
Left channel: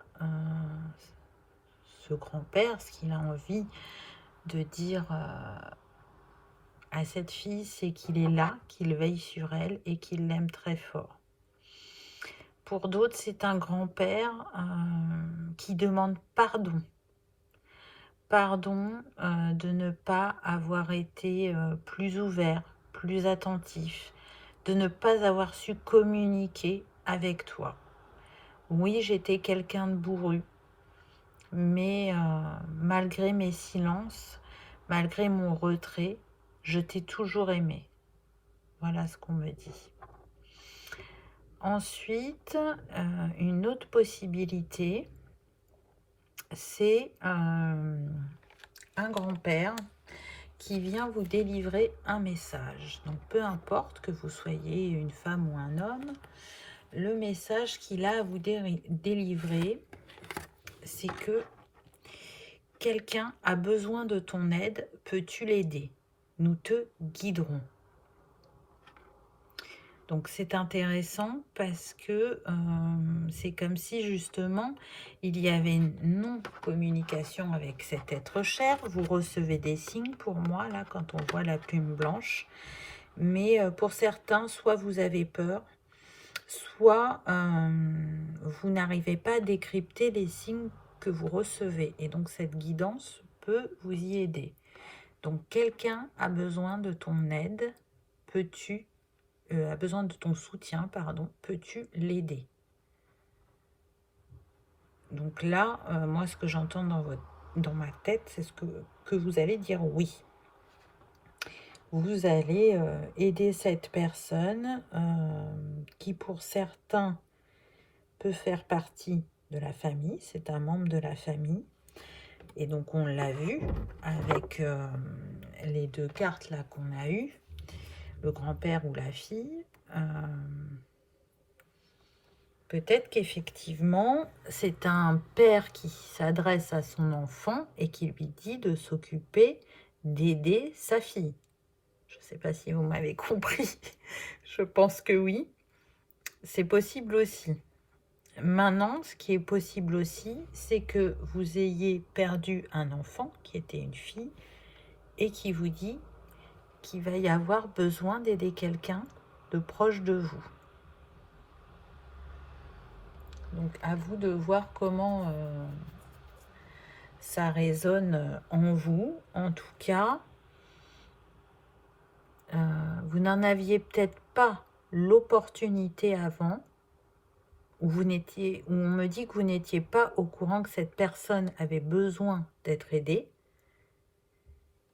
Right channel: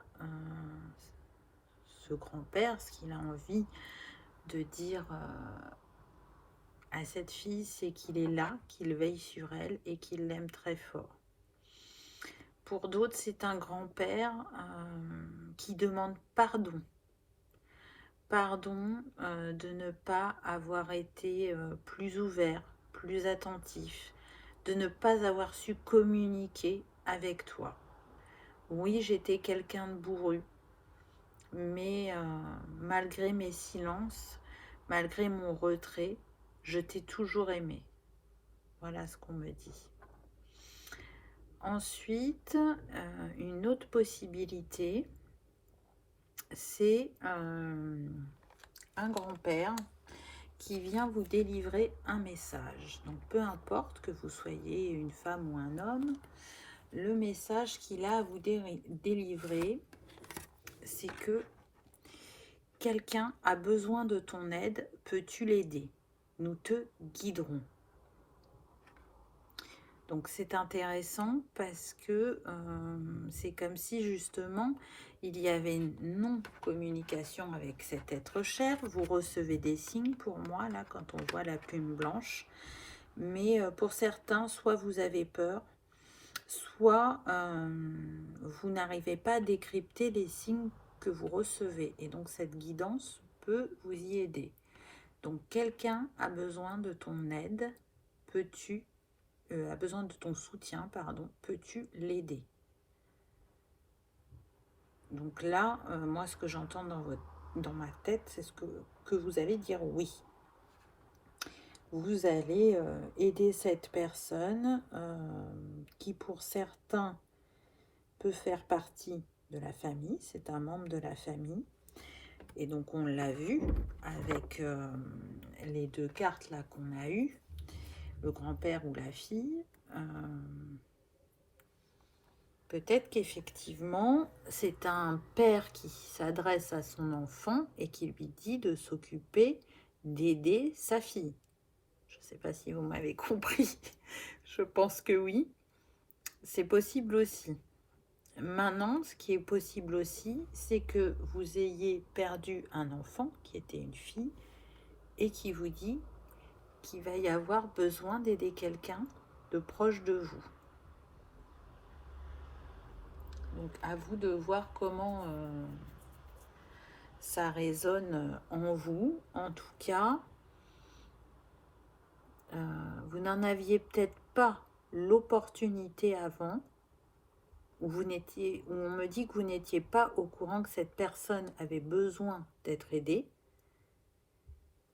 ce grand-père, ce qu'il a envie de dire à cette fille, c'est qu'il est là, qu'il veille sur elle et qu'il l'aime très fort. Pour d'autres, c'est un grand-père qui demande pardon. Pardon de ne pas avoir été plus ouvert, plus attentif, de ne pas avoir su communiquer avec toi. Oui, j'étais quelqu'un de bourru, mais malgré mes silences, malgré mon retrait, je t'ai toujours aimé. Voilà ce qu'on me dit. Ensuite, une autre possibilité, c'est un grand-père qui vient vous délivrer un message. Donc, peu importe que vous soyez une femme ou un homme, le message qu'il a à vous délivrer, c'est que quelqu'un a besoin de ton aide, peux-tu l'aider? Nous te guiderons. Donc c'est intéressant parce que c'est comme si justement il y avait une non-communication avec cet être cher. Vous recevez des signes pour moi là quand on voit la plume blanche. Mais pour certains, soit vous avez peur, soit vous n'arrivez pas à décrypter les signes que vous recevez. Et donc cette guidance peut vous y aider. Donc quelqu'un a besoin de ton aide, peux-tu a besoin de ton soutien, pardon, peux-tu l'aider? Donc là, moi, ce que j'entends dans ma tête, c'est que vous allez dire oui. Vous allez aider cette personne qui, pour certains, peut faire partie de la famille. C'est un membre de la famille. Et donc, on l'a vu avec les deux cartes là qu'on a eues, le grand-père ou la fille. Peut-être qu'effectivement, c'est un père qui s'adresse à son enfant et qui lui dit de s'occuper d'aider sa fille. Je ne sais pas si vous m'avez compris. Je pense que oui. C'est possible aussi. Maintenant, ce qui est possible aussi, c'est que vous ayez perdu un enfant qui était une fille et qui vous dit qu'il va y avoir besoin d'aider quelqu'un de proche de vous. Donc, à vous de voir comment ça résonne en vous. En tout cas, vous n'en aviez peut-être pas l'opportunité avant, où on me dit que vous n'étiez pas au courant que cette personne avait besoin d'être aidée.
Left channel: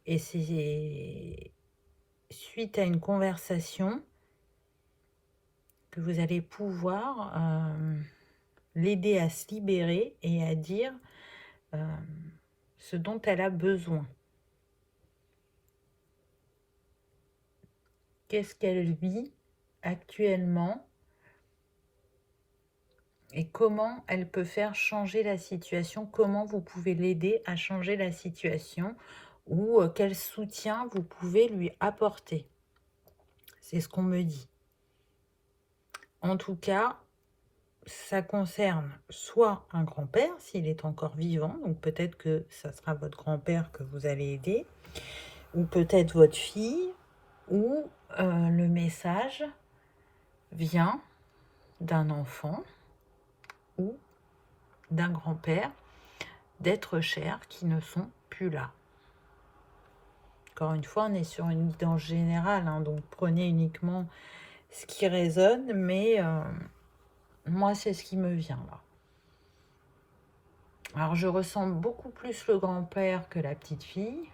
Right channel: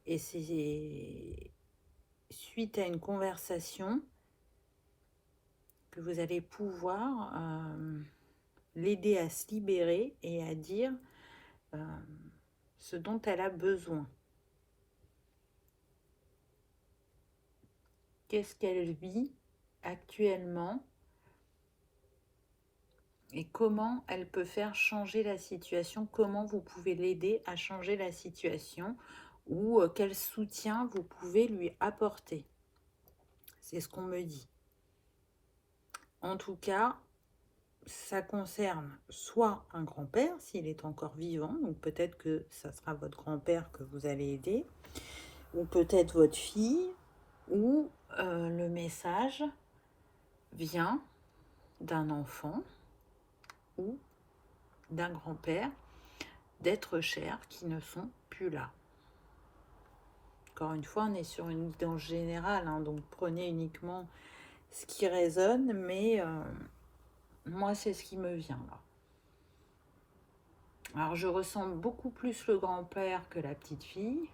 Et c'est suite à une conversation que vous allez pouvoir l'aider à se libérer et à dire ce dont elle a besoin. Qu'est-ce qu'elle vit actuellement et comment elle peut faire changer la situation, comment vous pouvez l'aider à changer la situation ou quel soutien vous pouvez lui apporter. C'est ce qu'on me dit. En tout cas, ça concerne soit un grand-père, s'il est encore vivant, donc peut-être que ça sera votre grand-père que vous allez aider, ou peut-être votre fille, ou le message vient d'un enfant ou d'un grand-père, d'êtres chers qui ne sont plus là. Encore une fois, on est sur une guidance générale, hein, donc prenez uniquement ce qui résonne, mais moi, c'est ce qui me vient là. Alors, je ressens beaucoup plus le grand-père que la petite fille.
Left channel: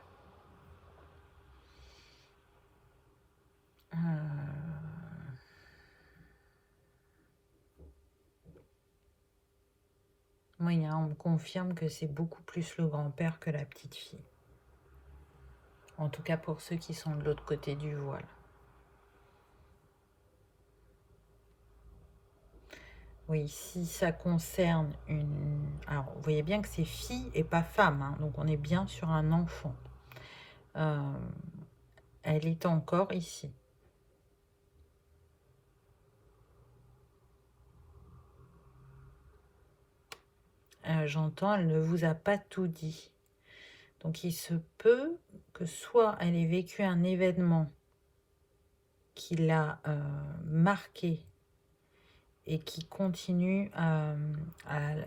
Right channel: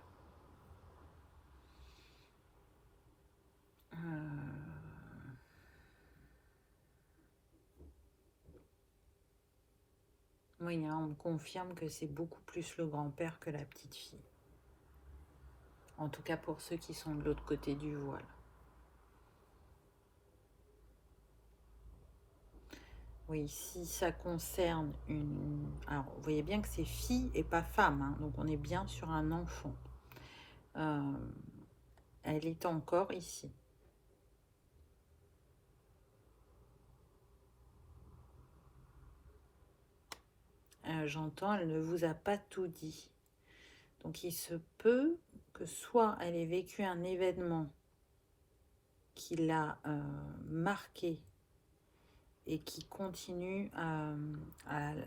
Oui, hein, on me confirme que c'est beaucoup plus le grand-père que la petite fille. En tout cas, pour ceux qui sont de l'autre côté du voile. Oui, si ça concerne une... Alors, vous voyez bien que c'est fille et pas femme, hein, donc on est bien sur un enfant. Elle est encore ici. J'entends, elle ne vous a pas tout dit. Donc, il se peut que soit elle ait vécu un événement qui l'a marqué et qui continue à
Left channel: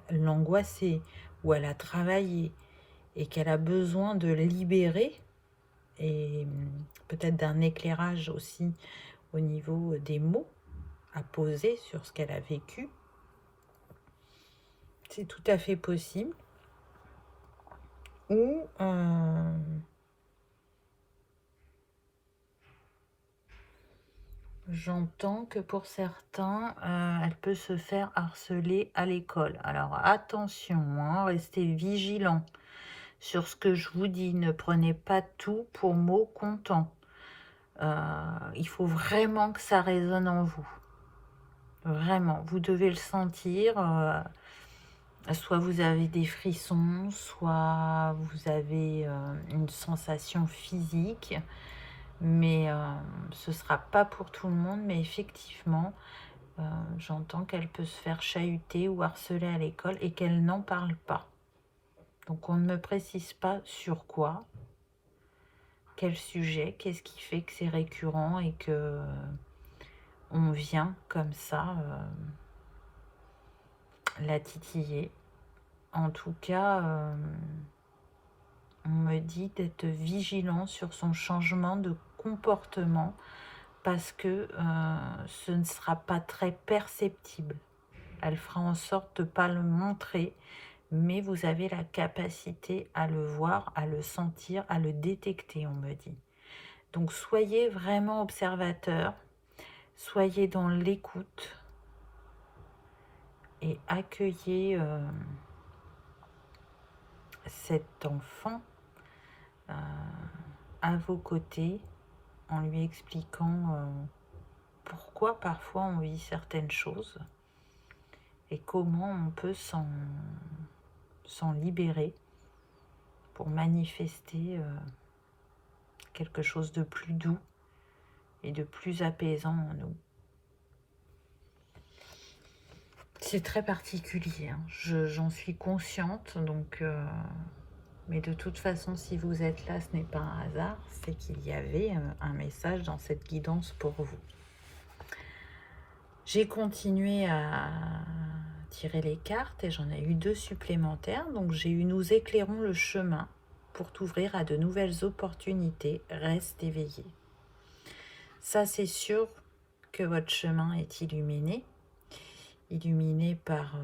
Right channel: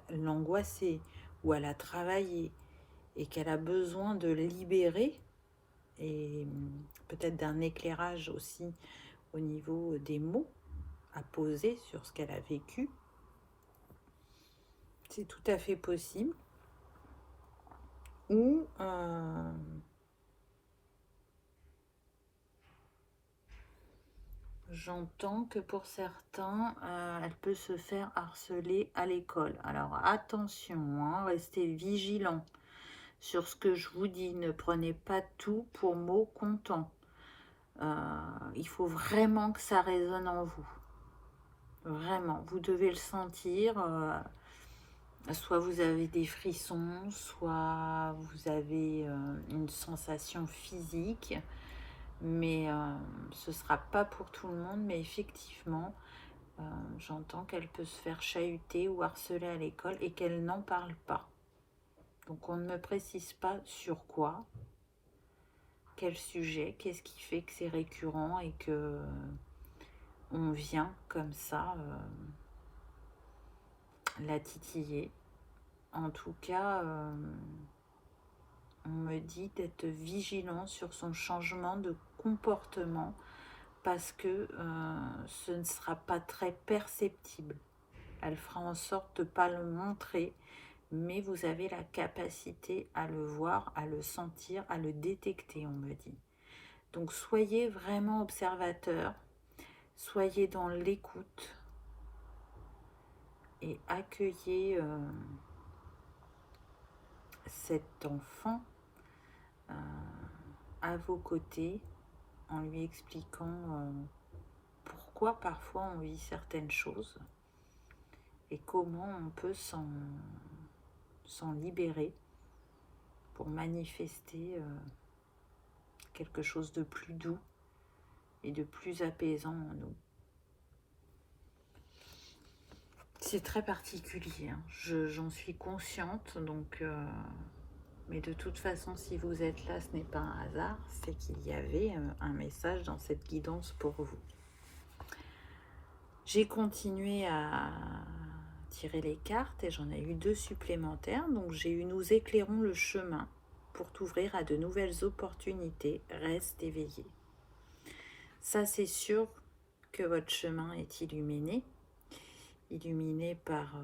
l'angoisser ou à la travailler et qu'elle a besoin de libérer et peut-être d'un éclairage aussi au niveau des mots à poser sur ce qu'elle a vécu. C'est tout à fait possible. Ou j'entends que pour certains, elle peut se faire harceler à l'école. Alors attention, hein, restez vigilants sur ce que je vous dis. Ne prenez pas tout pour mot comptant. Il faut vraiment que ça résonne en vous. Vraiment, vous devez le sentir. Soit vous avez des frissons, soit vous avez une sensation physique. Mais ce ne sera pas pour tout le monde. Mais effectivement, j'entends qu'elle peut se faire chahuter ou harceler à l'école et qu'elle n'en parle pas. Donc on ne me précise pas sur quoi, quel sujet, qu'est-ce qui fait que c'est récurrent et que on vient comme ça la titiller. En tout cas, on me dit d'être vigilant sur son changement de comportement parce que ce ne sera pas très perceptible. Elle fera en sorte de ne pas le montrer, mais vous avez la capacité à le voir, à le sentir, à le détecter, on me dit. Donc soyez vraiment observateur, soyez dans l'écoute et accueillez cet enfant à vos côtés en lui expliquant pourquoi parfois on vit certaines choses et comment on peut s'en libérer pour manifester quelque chose de plus doux et de plus apaisant en nous. C'est très particulier, hein. J'en suis consciente, donc mais de toute façon, si vous êtes là, ce n'est pas un hasard, c'est qu'il y avait un message dans cette guidance pour vous. J'ai continué à tirer les cartes et j'en ai eu 2 supplémentaires. Donc j'ai eu « Nous éclairons le chemin pour t'ouvrir à de nouvelles opportunités. Reste éveillé ». Ça, c'est sûr que votre chemin est illuminé par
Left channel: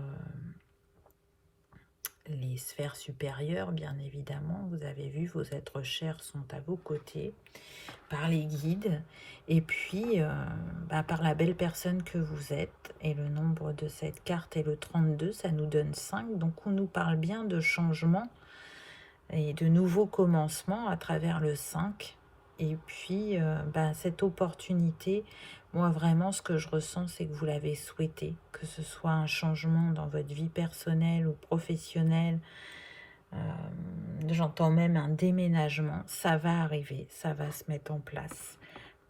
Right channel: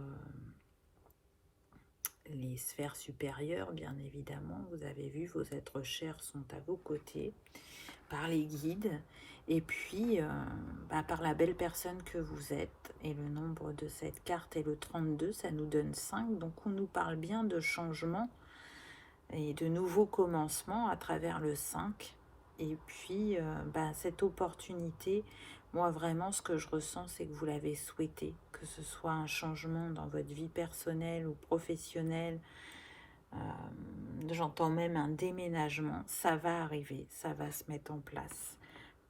les sphères supérieures, bien évidemment. Vous avez vu, vos êtres chers sont à vos côtés, par les guides, et puis par la belle personne que vous êtes. Et le nombre de cette carte est le 32, ça nous donne 5. Donc on nous parle bien de changement et de nouveaux commencements à travers le 5. Et puis cette opportunité, moi vraiment ce que je ressens, c'est que vous l'avez souhaité, que ce soit un changement dans votre vie personnelle ou professionnelle. J'entends même un déménagement, ça va arriver, ça va se mettre en place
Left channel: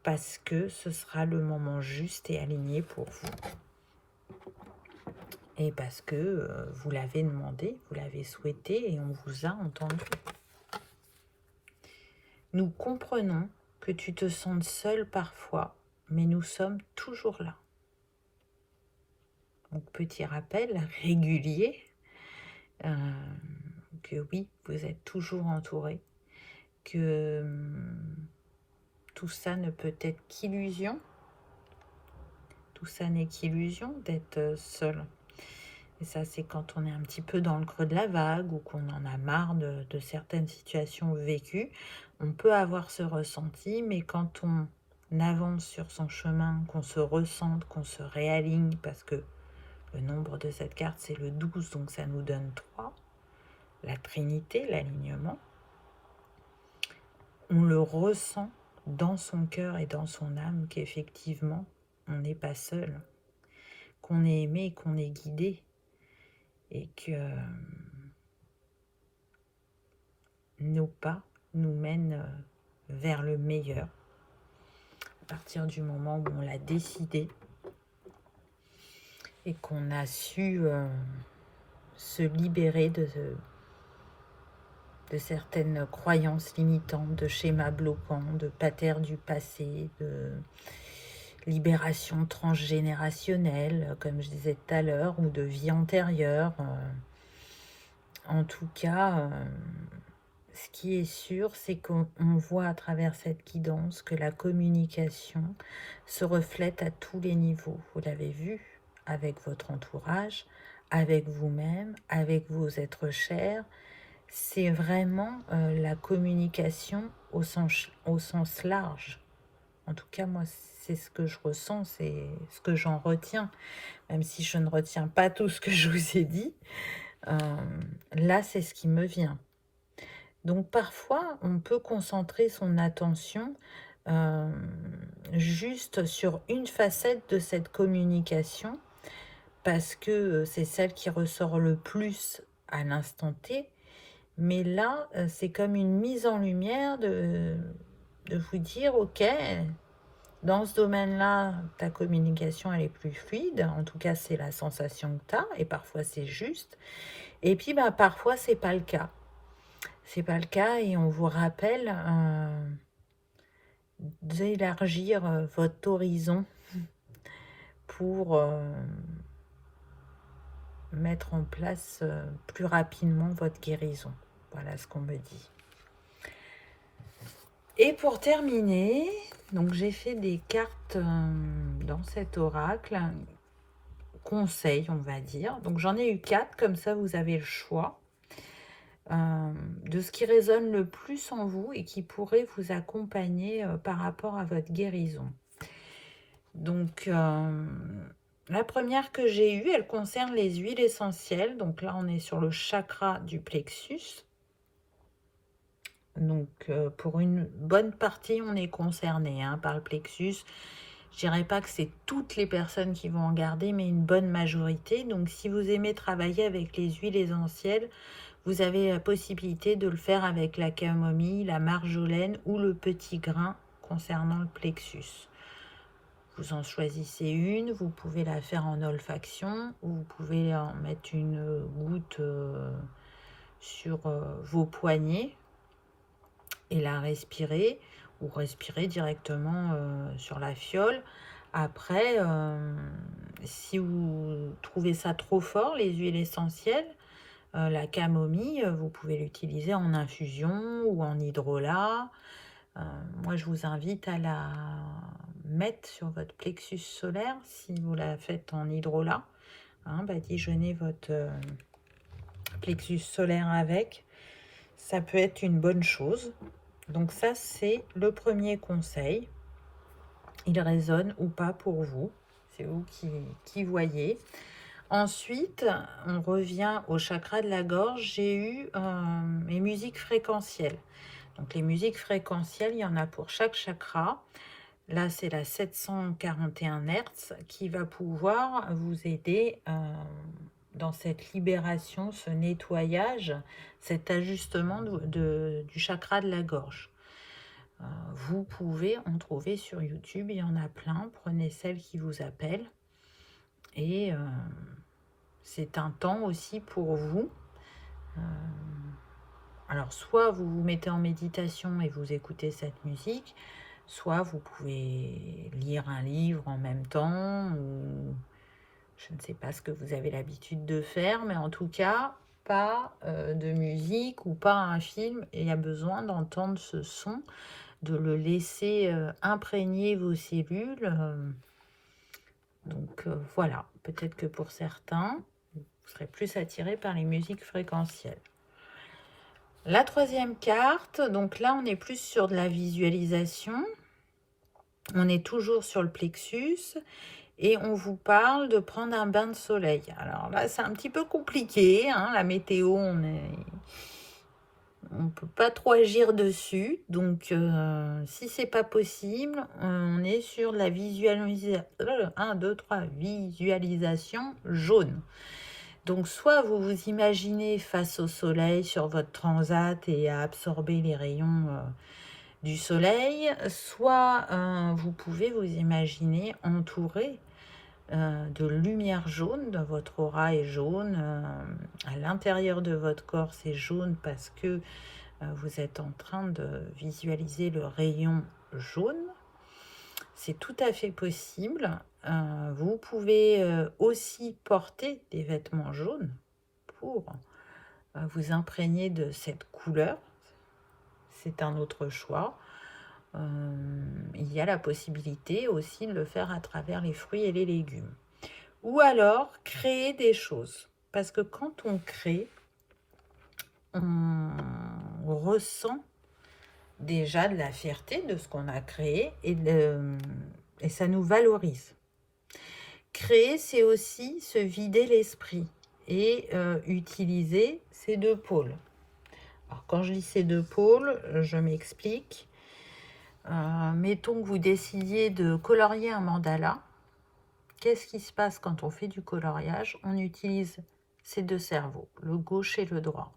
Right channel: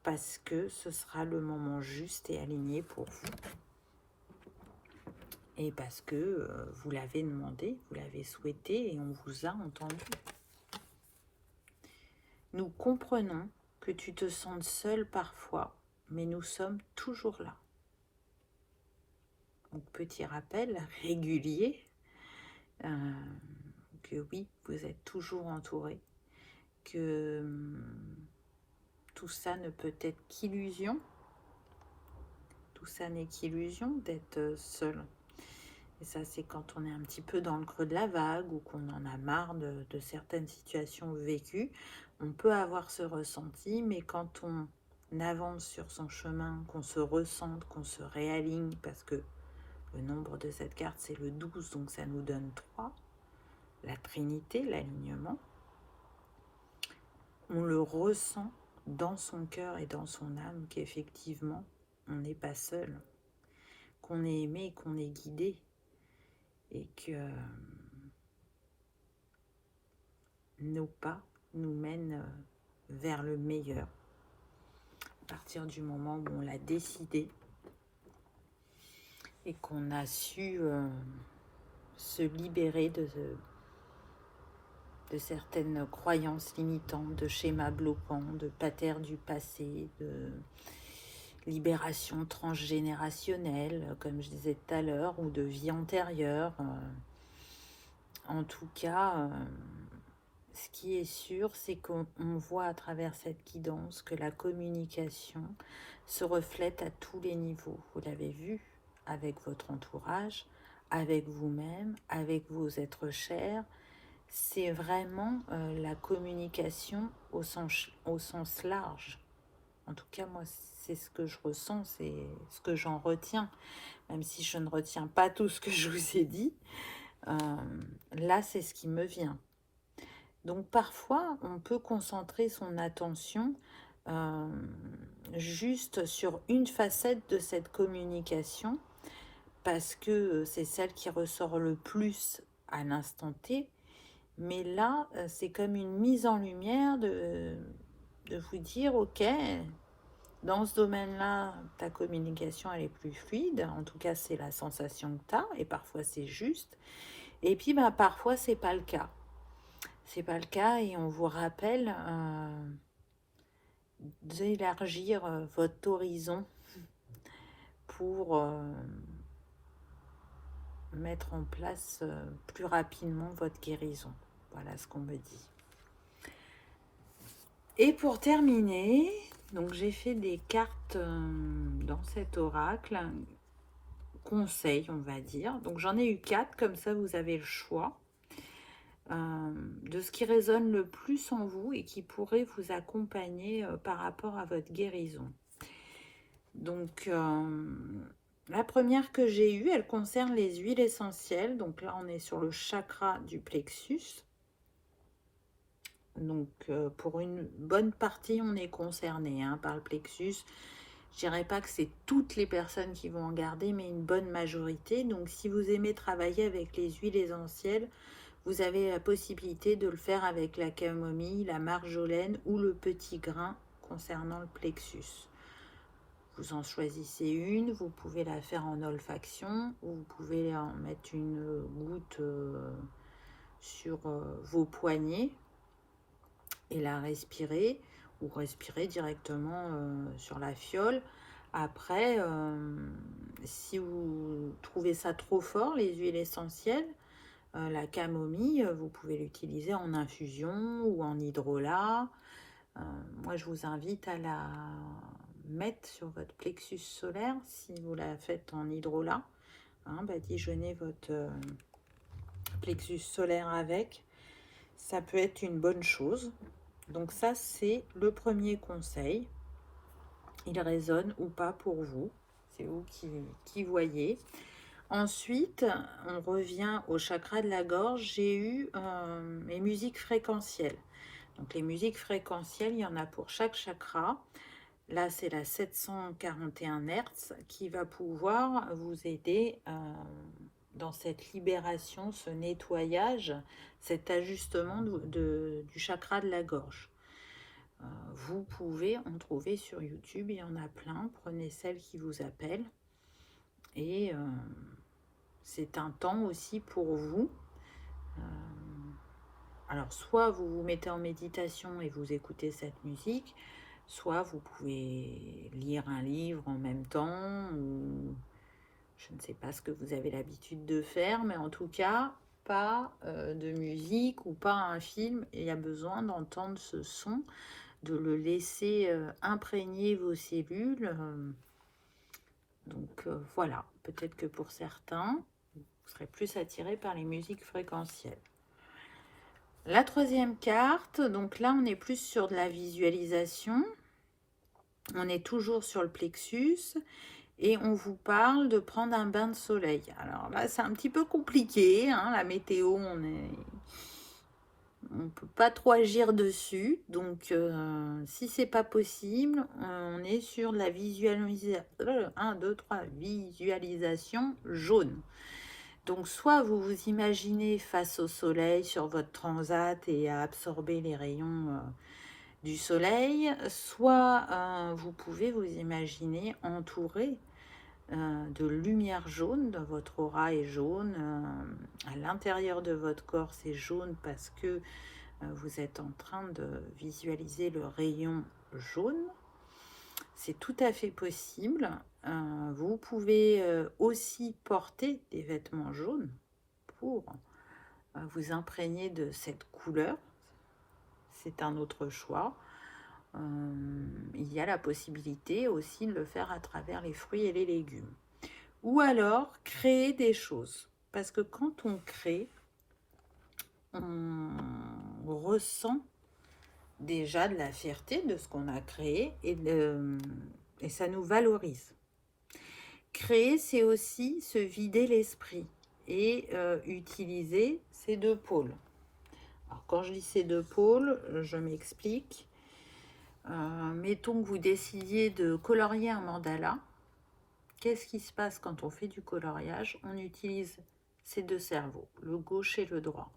parce que ce sera le moment juste et aligné pour vous. Et parce que vous l'avez demandé, vous l'avez souhaité et on vous a entendu. Nous comprenons que tu te sentes seul parfois, mais nous sommes toujours là. Donc petit rappel régulier, que oui, vous êtes toujours entouré, que tout ça ne peut être qu'illusion. Tout ça n'est qu'illusion d'être seul. Et ça, c'est quand on est un petit peu dans le creux de la vague ou qu'on en a marre de certaines situations vécues. On peut avoir ce ressenti, mais quand on avance sur son chemin, qu'on se ressente, qu'on se réaligne, parce que le nombre de cette carte, c'est le 12, donc ça nous donne 3. La Trinité, l'alignement. On le ressent dans son cœur et dans son âme qu'effectivement, on n'est pas seul, qu'on est aimé, qu'on est guidé et que nos pas nous mènent vers le meilleur à partir du moment où on l'a décidé et qu'on a su se libérer de certaines croyances limitantes, de schémas bloquants, de patterns du passé, de libération transgénérationnelle, comme je disais tout à l'heure, ou de vie antérieure. En tout cas, ce qui est sûr, c'est qu'on voit à travers cette guidance que la communication se reflète à tous les niveaux. Vous l'avez vu avec votre entourage, avec vous-même, avec vos êtres chers. C'est vraiment la communication au sens large. En tout cas, moi, c'est ce que je ressens, c'est ce que j'en retiens, même si je ne retiens pas tout ce que je vous ai dit. Euh, Là, c'est ce qui me vient. Donc parfois, on peut concentrer son attention euh, juste sur une facette de cette communication parce que c'est celle qui ressort le plus à l'instant T. Mais là, c'est comme une mise en lumière de vous dire, ok, dans ce domaine-là, ta communication, elle est plus fluide. En tout cas, c'est la sensation que tu as, et parfois c'est juste. Et puis, bah, parfois, c'est pas le cas. C'est pas le cas, et on vous rappelle d'élargir votre horizon pour mettre en place plus rapidement votre guérison. Voilà ce qu'on me dit. Et pour terminer, donc j'ai fait des cartes dans cet oracle, conseils on va dire. Donc j'en ai eu 4, comme ça vous avez le choix de ce qui résonne le plus en vous et qui pourrait vous accompagner par rapport à votre guérison. Donc la première que j'ai eue, elle concerne les huiles essentielles. Donc là on est sur le chakra du plexus. Donc pour une bonne partie on est concerné par le plexus. Je dirais pas que c'est toutes les personnes qui vont en garder, mais une bonne majorité. Donc si vous aimez travailler avec les huiles essentielles, vous avez la possibilité de le faire avec la camomille, la marjolaine ou le petit grain concernant le plexus. Vous en choisissez une, vous pouvez la faire en olfaction ou vous pouvez en mettre une goutte sur vos poignets et la respirer ou respirer directement sur la fiole. Après, si vous trouvez ça trop fort, les huiles essentielles, la camomille, vous pouvez l'utiliser en infusion ou en hydrolat. Moi, je vous invite à la mettre sur votre plexus solaire si vous la faites en hydrolat. Badigeonnez votre plexus solaire avec. Ça peut être une bonne chose. Donc ça, c'est le premier conseil. Il résonne ou pas pour vous. C'est vous qui voyez. Ensuite, on revient au chakra de la gorge. J'ai eu mes musiques fréquentielles. Donc les musiques fréquentielles, il y en a pour chaque chakra. Là, c'est la 741 Hz qui va pouvoir vous aider dans cette libération, ce nettoyage, cet ajustement du chakra de la gorge. Vous pouvez en trouver sur YouTube, il y en a plein. Prenez celle qui vous appelle. Et c'est un temps aussi pour vous. Alors, soit vous vous mettez en méditation et vous écoutez cette musique, soit vous pouvez lire un livre en même temps, ou je ne sais pas ce que vous avez l'habitude de faire, mais en tout cas, pas de musique ou pas un film. Et il y a besoin d'entendre ce son, de le laisser imprégner vos cellules. Donc voilà, peut-être que pour certains, vous serez plus attirés par les musiques fréquentielles. La troisième carte, donc là on est plus sur de la visualisation. On est toujours sur le plexus et on vous parle de prendre un bain de soleil. Alors là c'est un petit peu compliqué, la météo, on peut pas trop agir dessus. Donc si c'est pas possible, on est sur la visualisation jaune. Donc, soit vous vous imaginez face au soleil sur votre transat et à absorber les rayons du soleil, soit vous pouvez vous imaginer entouré de lumière jaune. Votre aura est jaune. À l'intérieur de votre corps, c'est jaune parce que vous êtes en train de visualiser le rayon jaune. C'est tout à fait possible. Vous pouvez aussi porter des vêtements jaunes pour vous imprégner de cette couleur. c'est un autre choix. Il y a la possibilité aussi de le faire à travers les fruits et les légumes. Ou alors, créer des choses. Parce que quand on crée, on ressent déjà de la fierté de ce qu'on a créé et ça nous valorise. Créer, c'est aussi se vider l'esprit et utiliser ces deux pôles. Alors, quand je dis ces deux pôles, je m'explique. Mettons que vous décidiez de colorier un mandala. Qu'est-ce qui se passe quand on fait du coloriage? On utilise ces deux cerveaux, le gauche et le droit.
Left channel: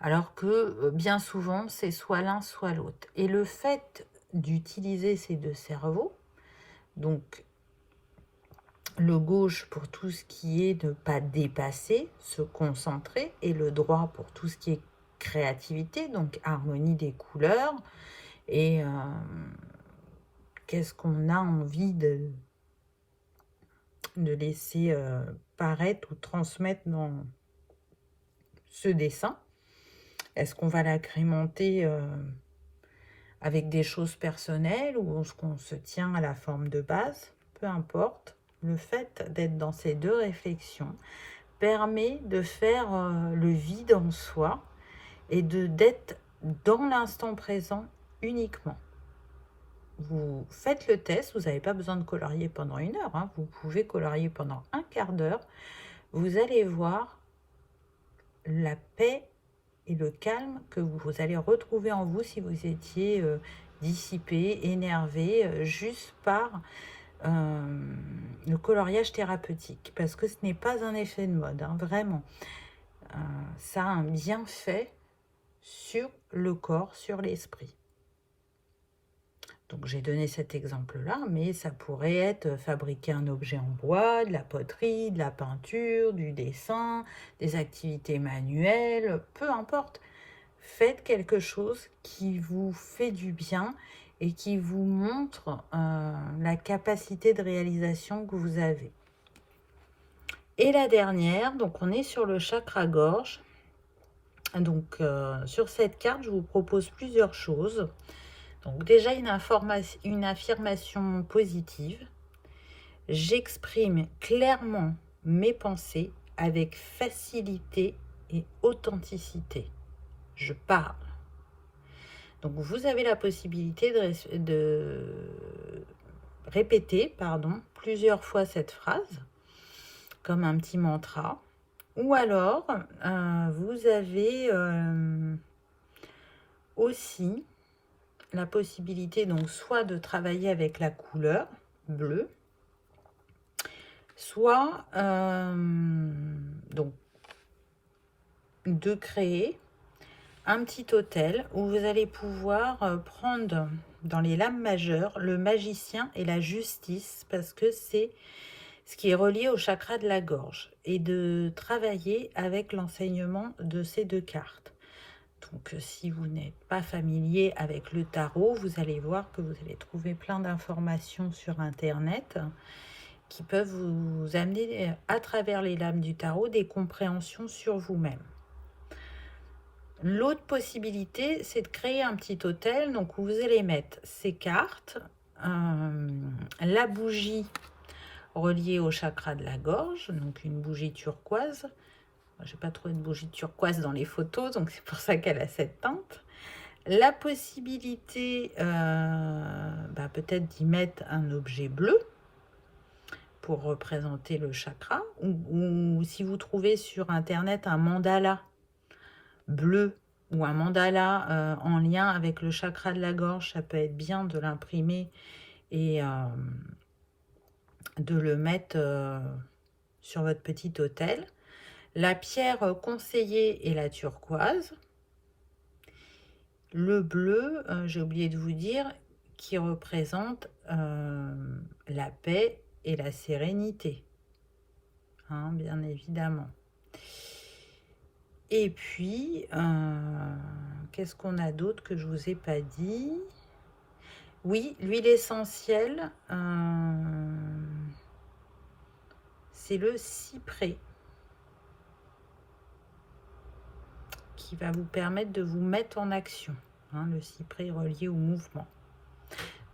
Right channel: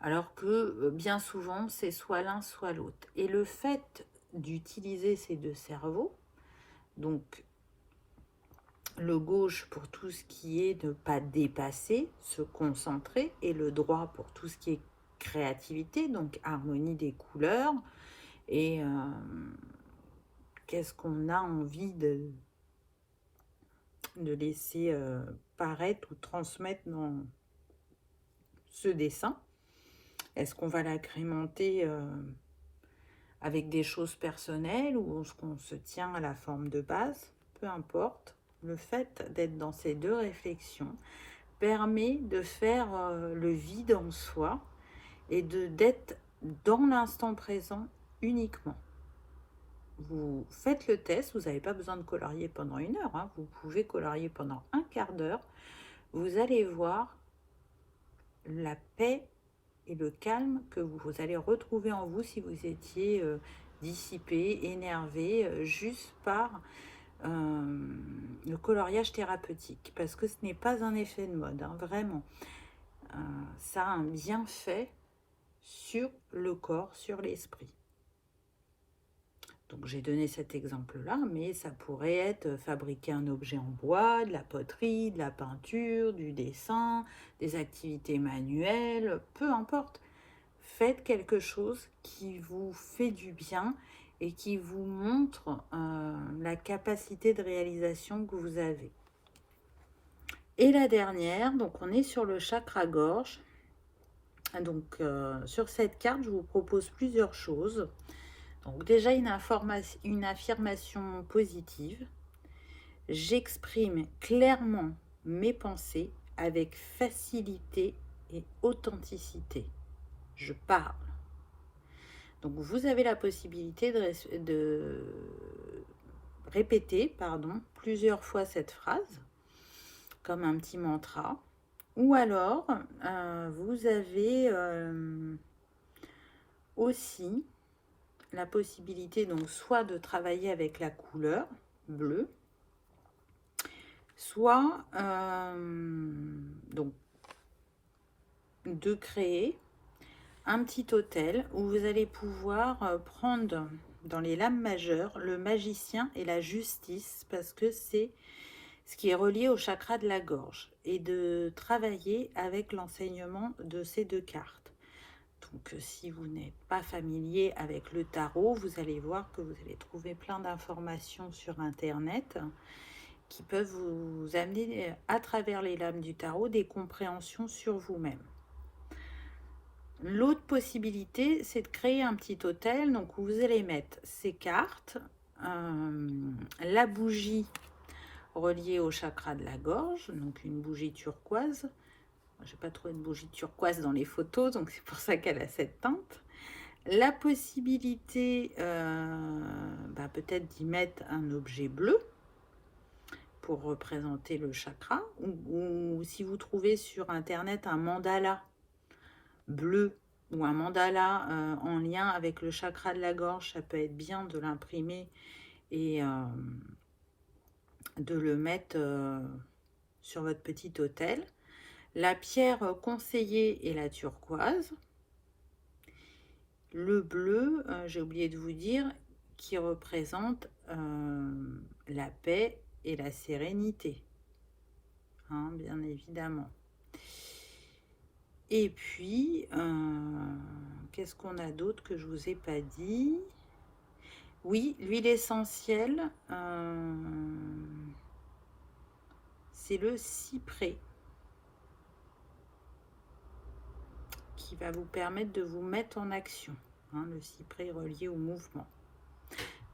Alors que bien souvent, c'est soit l'un, soit l'autre. Et le fait d'utiliser ces deux cerveaux, donc le gauche pour tout ce qui est ne pas dépasser, se concentrer, et le droit pour tout ce qui est créativité, donc harmonie des couleurs, et qu'est-ce qu'on a envie de laisser paraître ou transmettre dans ce dessin. Est-ce qu'on va l'agrémenter avec des choses personnelles ou est-ce qu'on se tient à la forme de base? Peu importe. Le fait d'être dans ces deux réflexions permet de faire le vide en soi et d'être dans l'instant présent uniquement. Vous faites le test, vous n'avez pas besoin de colorier pendant 1 heure, hein. Vous pouvez colorier pendant un quart d'heure. Vous allez voir la paix et le calme que vous allez retrouver en vous si vous étiez dissipé, énervé, juste par le coloriage thérapeutique. Parce que ce n'est pas un effet de mode, hein, vraiment. Ça a un bienfait sur le corps, sur l'esprit. Donc j'ai donné cet exemple-là, mais ça pourrait être fabriquer un objet en bois, de la poterie, de la peinture, du dessin, des activités manuelles, peu importe. Faites quelque chose qui vous fait du bien et qui vous montre la capacité de réalisation que vous avez. Et la dernière, donc on est sur le chakra gorge. Donc sur cette carte, je vous propose plusieurs choses. Donc déjà une affirmation positive. J'exprime clairement mes pensées avec facilité et authenticité. Je parle. Donc vous avez la possibilité de répéter plusieurs fois cette phrase, comme un petit mantra. Ou alors, vous avez aussi la possibilité donc soit de travailler avec la couleur bleue, soit donc de créer un petit hôtel où vous allez pouvoir prendre dans les lames majeures le magicien et la justice, parce que c'est ce qui est relié au chakra de la gorge, et de travailler avec l'enseignement de ces deux cartes. Donc si vous n'êtes pas familier avec le tarot, vous allez voir que vous allez trouver plein d'informations sur internet qui peuvent vous amener à travers les lames du tarot des compréhensions sur vous-même. L'autre possibilité, c'est de créer un petit hôtel, donc où vous allez mettre ces cartes, la bougie reliée au chakra de la gorge, donc une bougie turquoise. Je n'ai pas trouvé de bougie turquoise dans les photos, donc c'est pour ça qu'elle a cette teinte. La possibilité peut-être d'y mettre un objet bleu pour représenter le chakra, ou si vous trouvez sur internet un mandala bleu ou un mandala en lien avec le chakra de la gorge, ça peut être bien de l'imprimer et de le mettre sur votre petit hôtel. La pierre conseillée est la turquoise. Le bleu, j'ai oublié de vous dire, qui représente la paix et la sérénité, hein, bien évidemment. Et puis, qu'est-ce qu'on a d'autre que je ne vous ai pas dit? Oui, l'huile essentielle, c'est le cyprès, qui va vous permettre de vous mettre en action. hein, le cyprès relié au mouvement.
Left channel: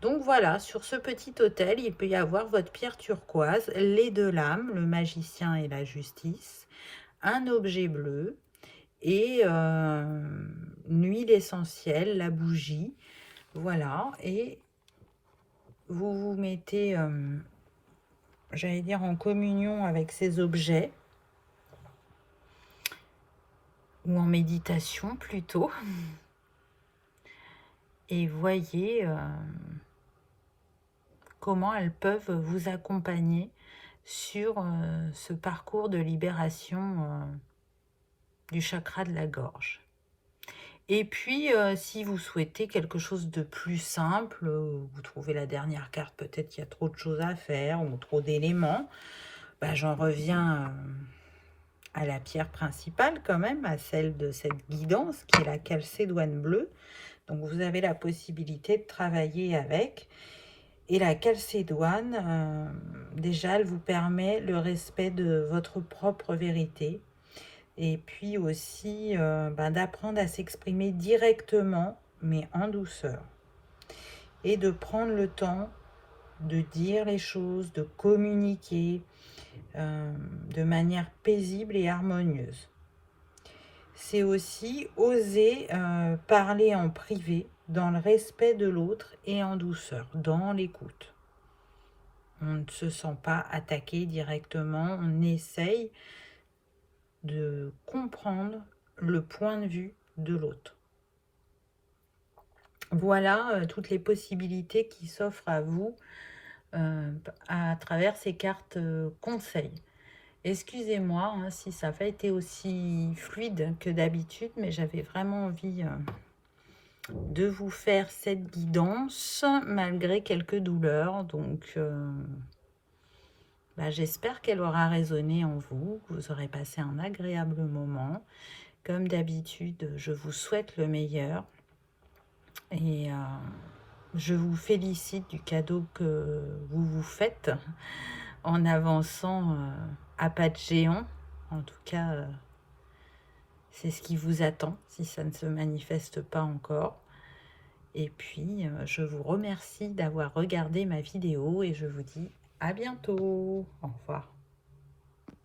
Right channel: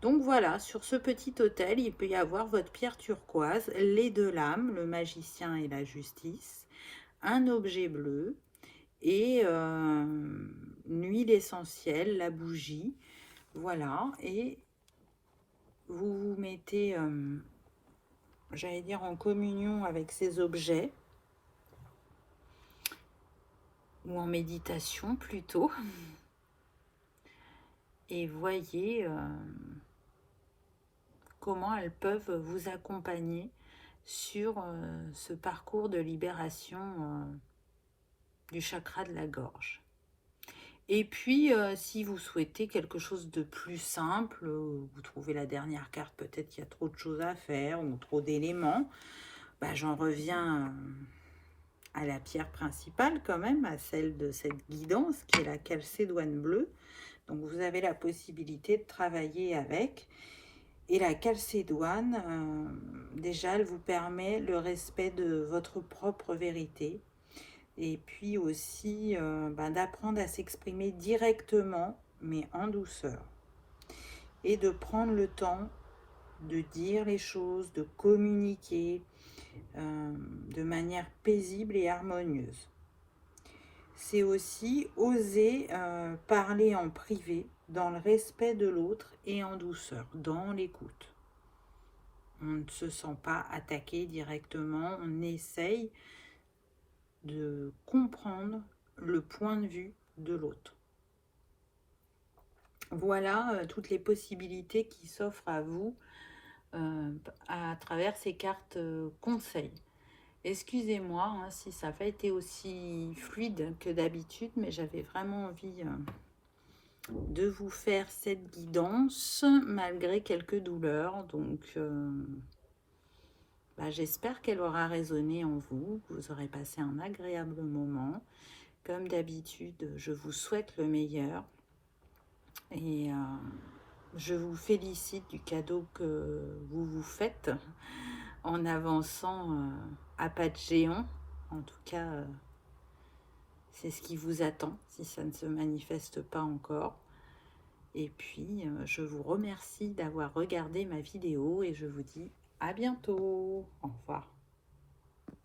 Donc voilà, sur ce petit autel, il peut y avoir votre pierre turquoise, les deux lames, le magicien et la justice, un objet bleu et une huile essentielle, la bougie. Voilà, et vous vous mettez, j'allais dire, en communion avec ces objets, ou en méditation plutôt, et voyez comment elles peuvent vous accompagner sur ce parcours de libération du chakra de la gorge. Et puis, si vous souhaitez quelque chose de plus simple, vous trouvez la dernière carte, peut-être qu'il y a trop de choses à faire ou trop d'éléments, bah, j'en reviens à la pierre principale quand même, à celle de cette guidance qui est la calcédoine bleue. Donc vous avez la possibilité de travailler avec. Et la calcédoine, déjà, elle vous permet le respect de votre propre vérité. Et puis aussi d'apprendre à s'exprimer directement, mais en douceur. Et de prendre le temps de dire les choses, de communiquer de manière paisible et harmonieuse. C'est aussi oser parler en privé, dans le respect de l'autre et en douceur, dans l'écoute. On ne se sent pas attaqué directement, on essaye de comprendre le point de vue de l'autre. Voilà toutes les possibilités qui s'offrent à vous à travers ces cartes conseils. Excusez-moi hein, si ça n'a pas été aussi fluide que d'habitude, mais j'avais vraiment envie de vous faire cette guidance malgré quelques douleurs. Donc, j'espère qu'elle aura résonné en vous, que vous aurez passé un agréable moment. Comme d'habitude, je vous souhaite le meilleur et je vous félicite du cadeau que vous vous faites en avançant à pas de géant. En tout cas, c'est ce qui vous attend si ça ne se manifeste pas encore. Et puis, je vous remercie d'avoir regardé ma vidéo et je vous dis à bientôt. Au revoir.